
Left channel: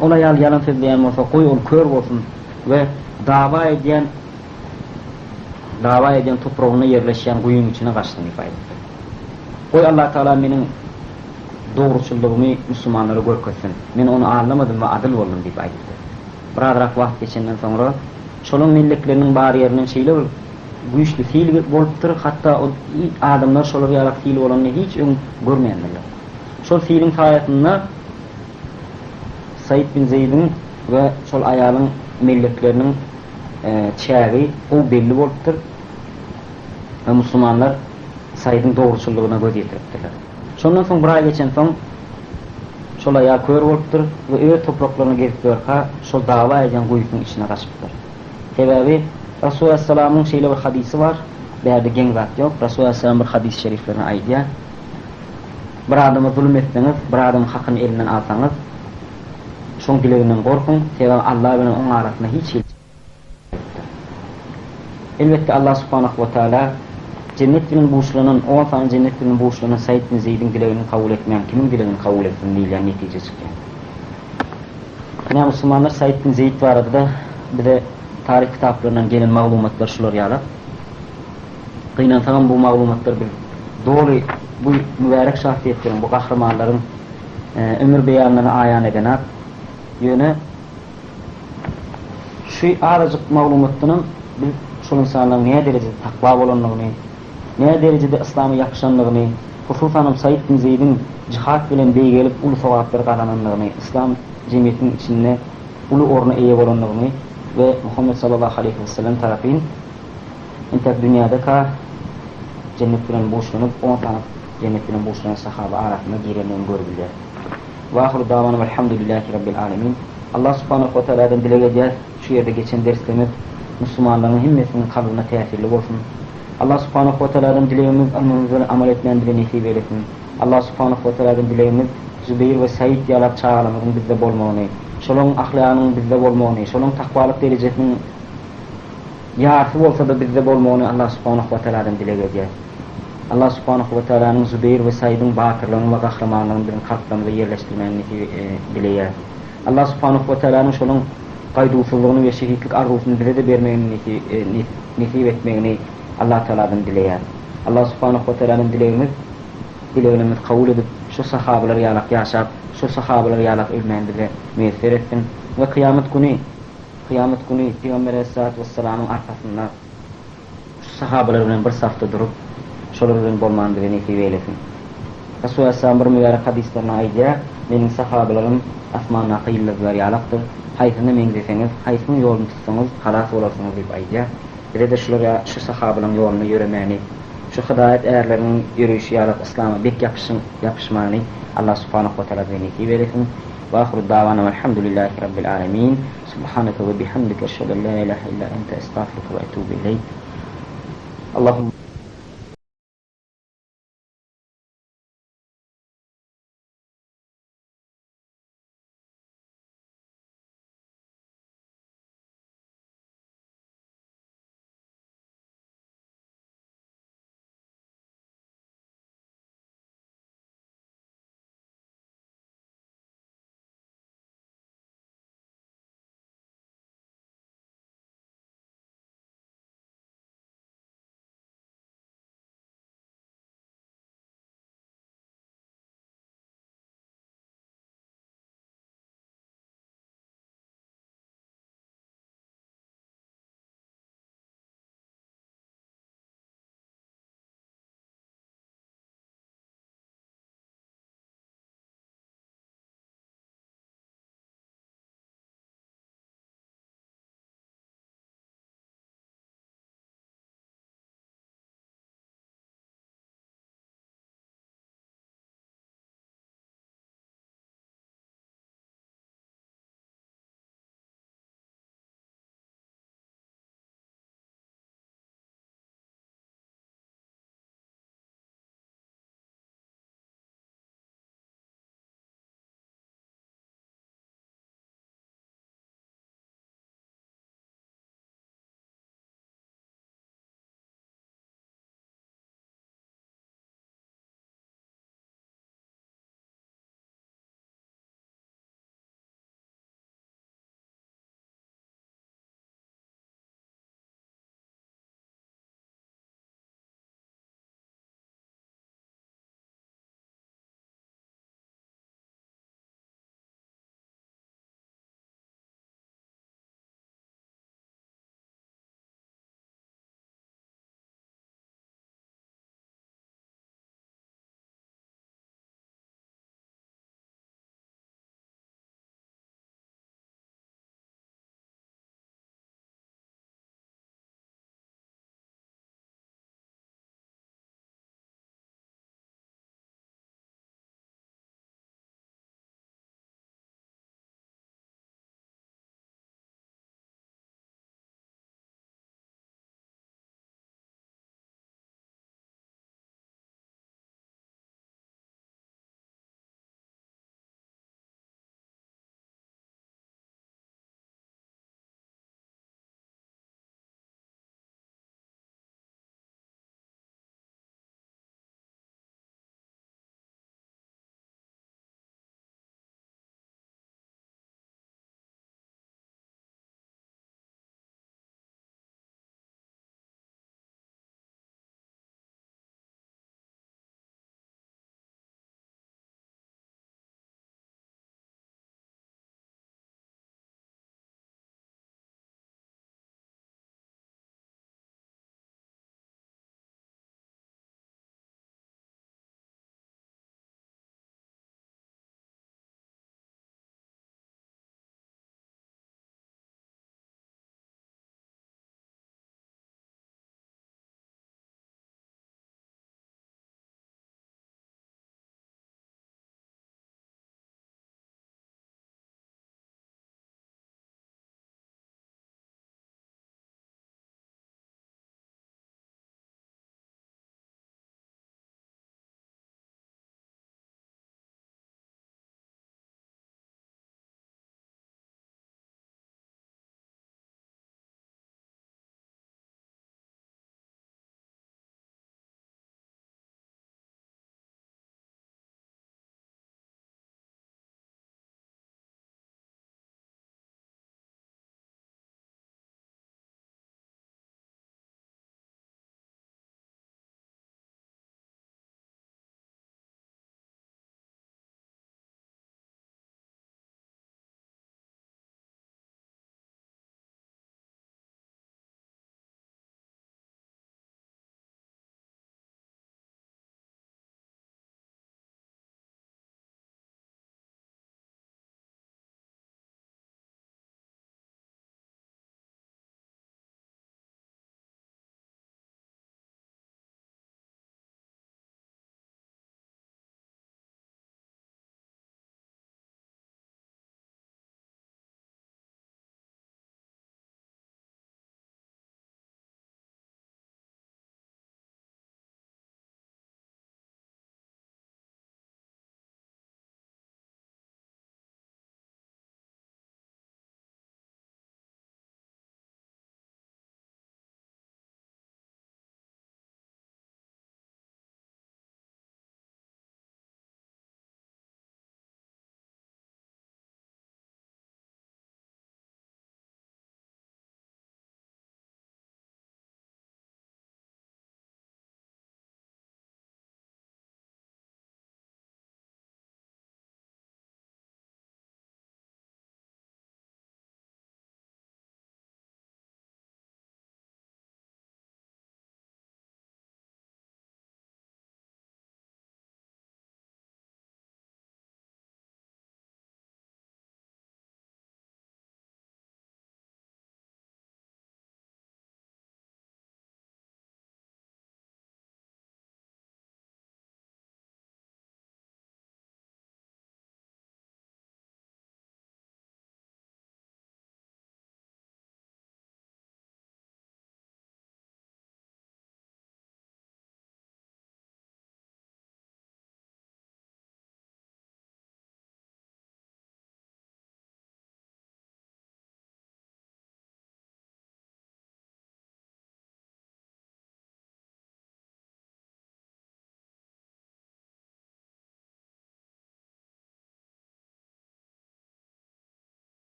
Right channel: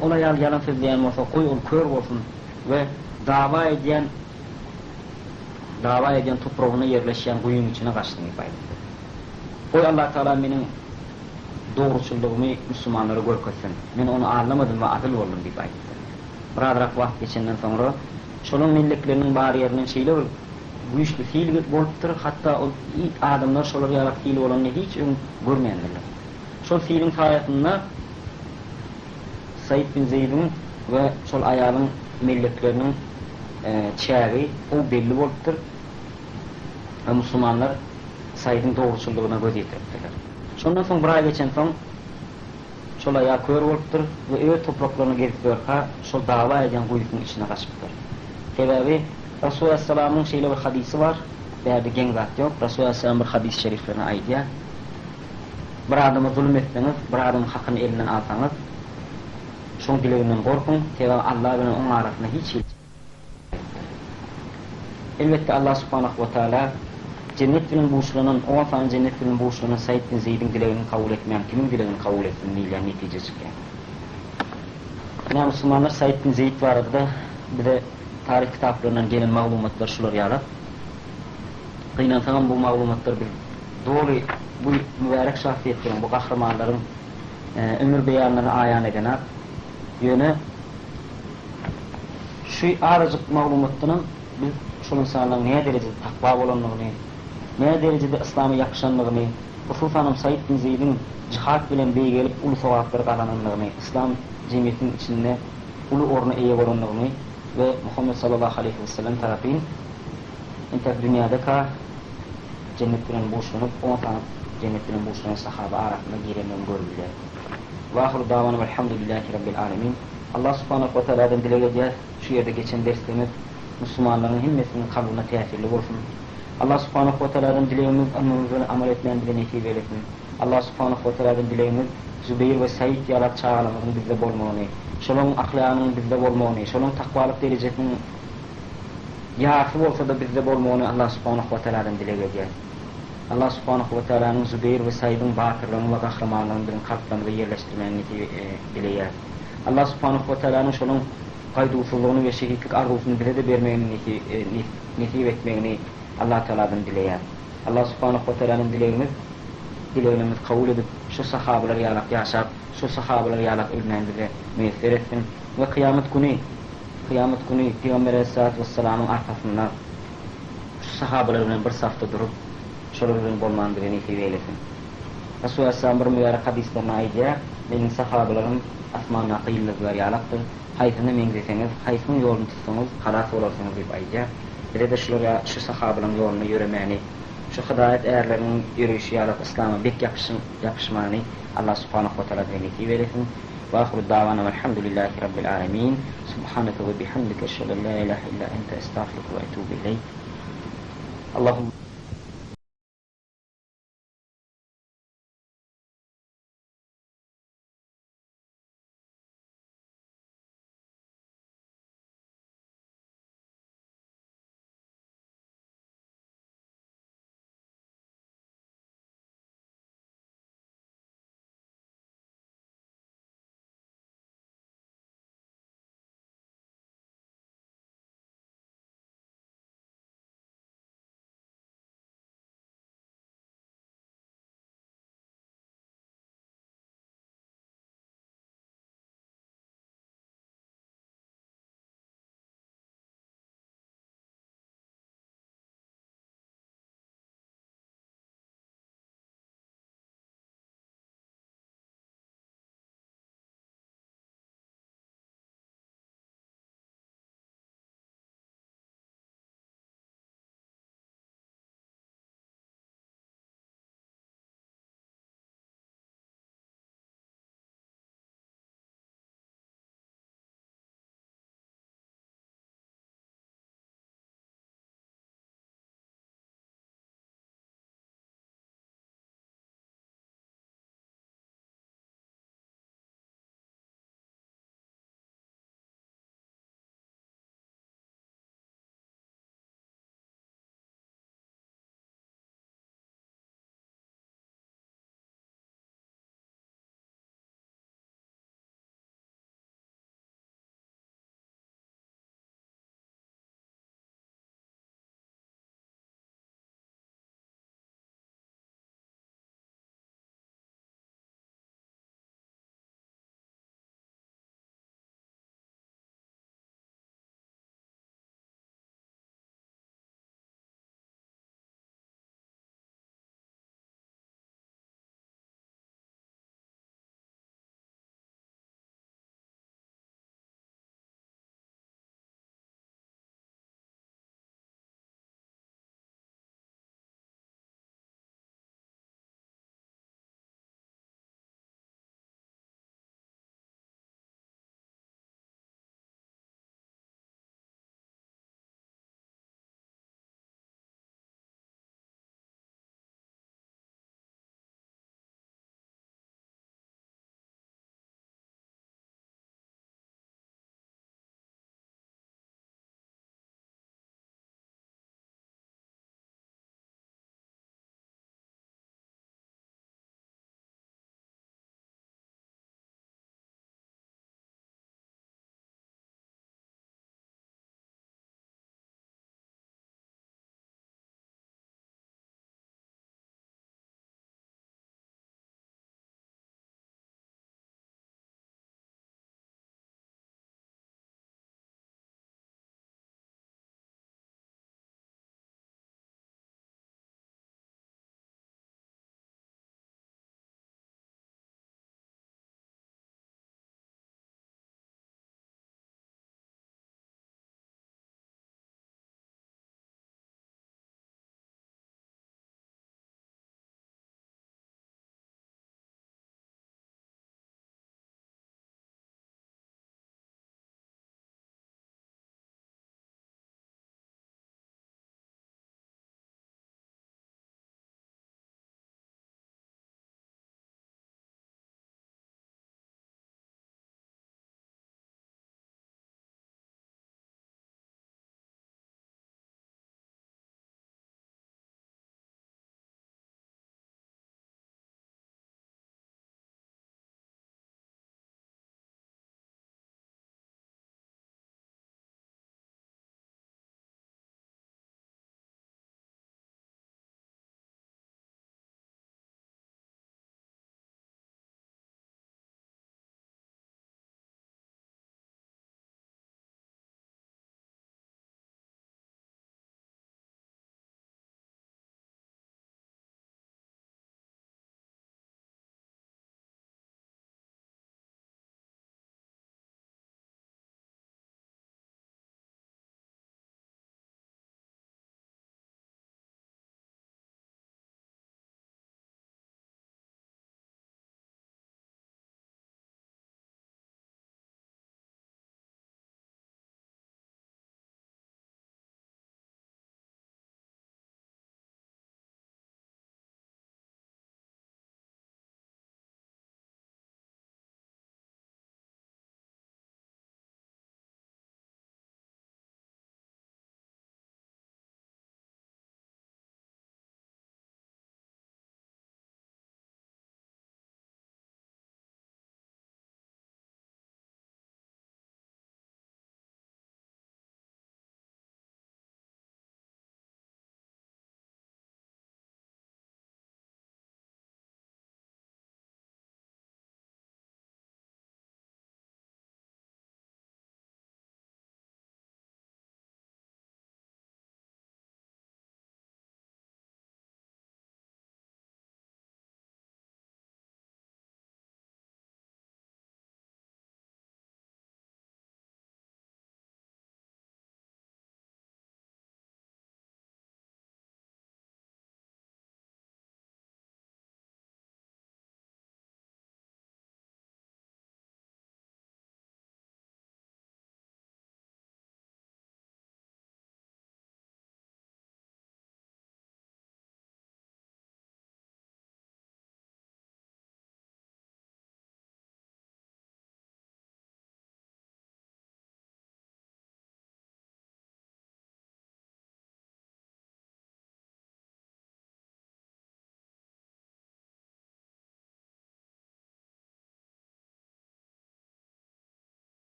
olay yalan söyleyen olsa koy ol kör olsun ve dava eden toprağına yerleşen kuyun içine kaçtığını ifade etti. Koy Allah Teala benim doğruçuluğumu Müslümanlara görkesin. Ben onu anlamadım ve adil oldum deyip ifade etti. Biraderak vakit geçenden sonra şolun milletlerinin bariyerinin şeyle güçlü fiil boluptur. Hatta o adamlar şolar yarak fiil olanını hiç görmeyendirler. Şol fiilin sayesinde Said bin Zeyd'in ve şol ayalın milletlerinin çägi o belli boluptur. Ve Müslümanlar Said'in doğruçuluğuna göz yetirdiler. Şondan soň bir ay geçen soň şol ayal kör boluptur ve öýe topraklarına gelip görka şol dava eden guyusyň içine gaçypdyr. Sebebi Resulullah Aleyhisselam'ın şeyle bir hadisi var. Bäde geň zat ýok. Resulullah Aleyhisselam bir hadis-i şeriflerini aýdýar. Bir adama zulüm etseňiz, bir adamın hakyny elinden alsaňyz, şoň dileginden gorkun, sebebi Allah bilen onuň arasynda hiç elbette Allah subhanahu wa ta'ala cennet bilen boşlanan, o fan cennet bilen boşlanan Said bin Zeyd'in dilegini kabul etmeyen kimin dilegini kabul etsin diýilen netijesi çıkýar. Näme Müslümanlar Said bin Zeyd barada bir de tarih kitaplarından gelen maglumatlar şular ýalar. Kıynan bu maglumatlar bir doğru bu mübarek şahsiyetlerin, bu kahramanların ömür beyanlarını ayan eden yöne şu aracık maglumatının biz şu insanların neye derecede takva olanlığını, neye derecede İslam'a yakışanlığını, hususan Said bin Zeyd'in cihat bilen beýgelip ulu sowaplar kazananlığını, İslam cemiyetinin içinde ulu orna eýe bolanlığını ve Muhammed sallallahu aleyhi ve sellem tarafından intek dünyada ka cennet bilen boşlanıp 10 tane cennet bilen boşlanan sahaba arasında girenlerini gördüler. Ve ahiru davana velhamdülillahi rabbil alemin. Allah subhanahu wa ta'ala'dan dile eder şu yerde geçen derslerimiz Müslümanların himmesinin kalbine tesirli olsun. Allah subhanahu wa ta'ala'dan dileğimiz amel etmeyen bile nasip eylesin. Allah subhanahu wa ta'ala'dan dileğimiz Zübeyir ve Said yalap çağalamızın bizde bolmağını, şolun ahlakının bizde bolmağını, şolun takvalık derecesinin yarısı olsa da bizde bolmağını Allah subhanahu wa ta'ala'dan dile eder. Allah subhanahu wa ta'ala'nın Zübeyir ve Said'in bakırlığını ve kahramanlığını bizim kalplerimize yerleştirmeni dileyer. Allah subhanahu wa ta'ala'nın şolun kaydusuzluğunu ve şehitlik arzusunu bize de vermeyini nasip etmeyini Allah Teala'dan dileyer. Allah subhanahu wa ta'ala'nın dileğimiz kabul edip şu sahabeler yalak yaşap, şu sahabeler yalak ölmendiler müyesser etsin ve kıyamet günü Kıyamet günü Peygamber Aleyhisselatü Vesselam'ın arkasında sahabelerinin bir safta durup şolurun bolmandı ve nesip eylesin. Resulullah Aleyhisselam bir mübarek hadislerine aydya, benim sahabelerim asmanına kıyılırlar yalaktır. Hayfını mengzeseniz, hayfını yolunu tutsanız, halas olasınız deyip aydya. Bir de şu sahabelerin yolunu yürümeni, şu hidayet eğerlerinin yürüyüşü yalak İslam'a bek yapışmani Allah subhanahu wa ta'ala ve nesip eylesin. Ve ahru davana velhamdülillahi rabbil alemin. Subhaneke ve bihamdike eşhedü en la ilahe illa ente estağfiruke ve etûbü ileyk. Allahümme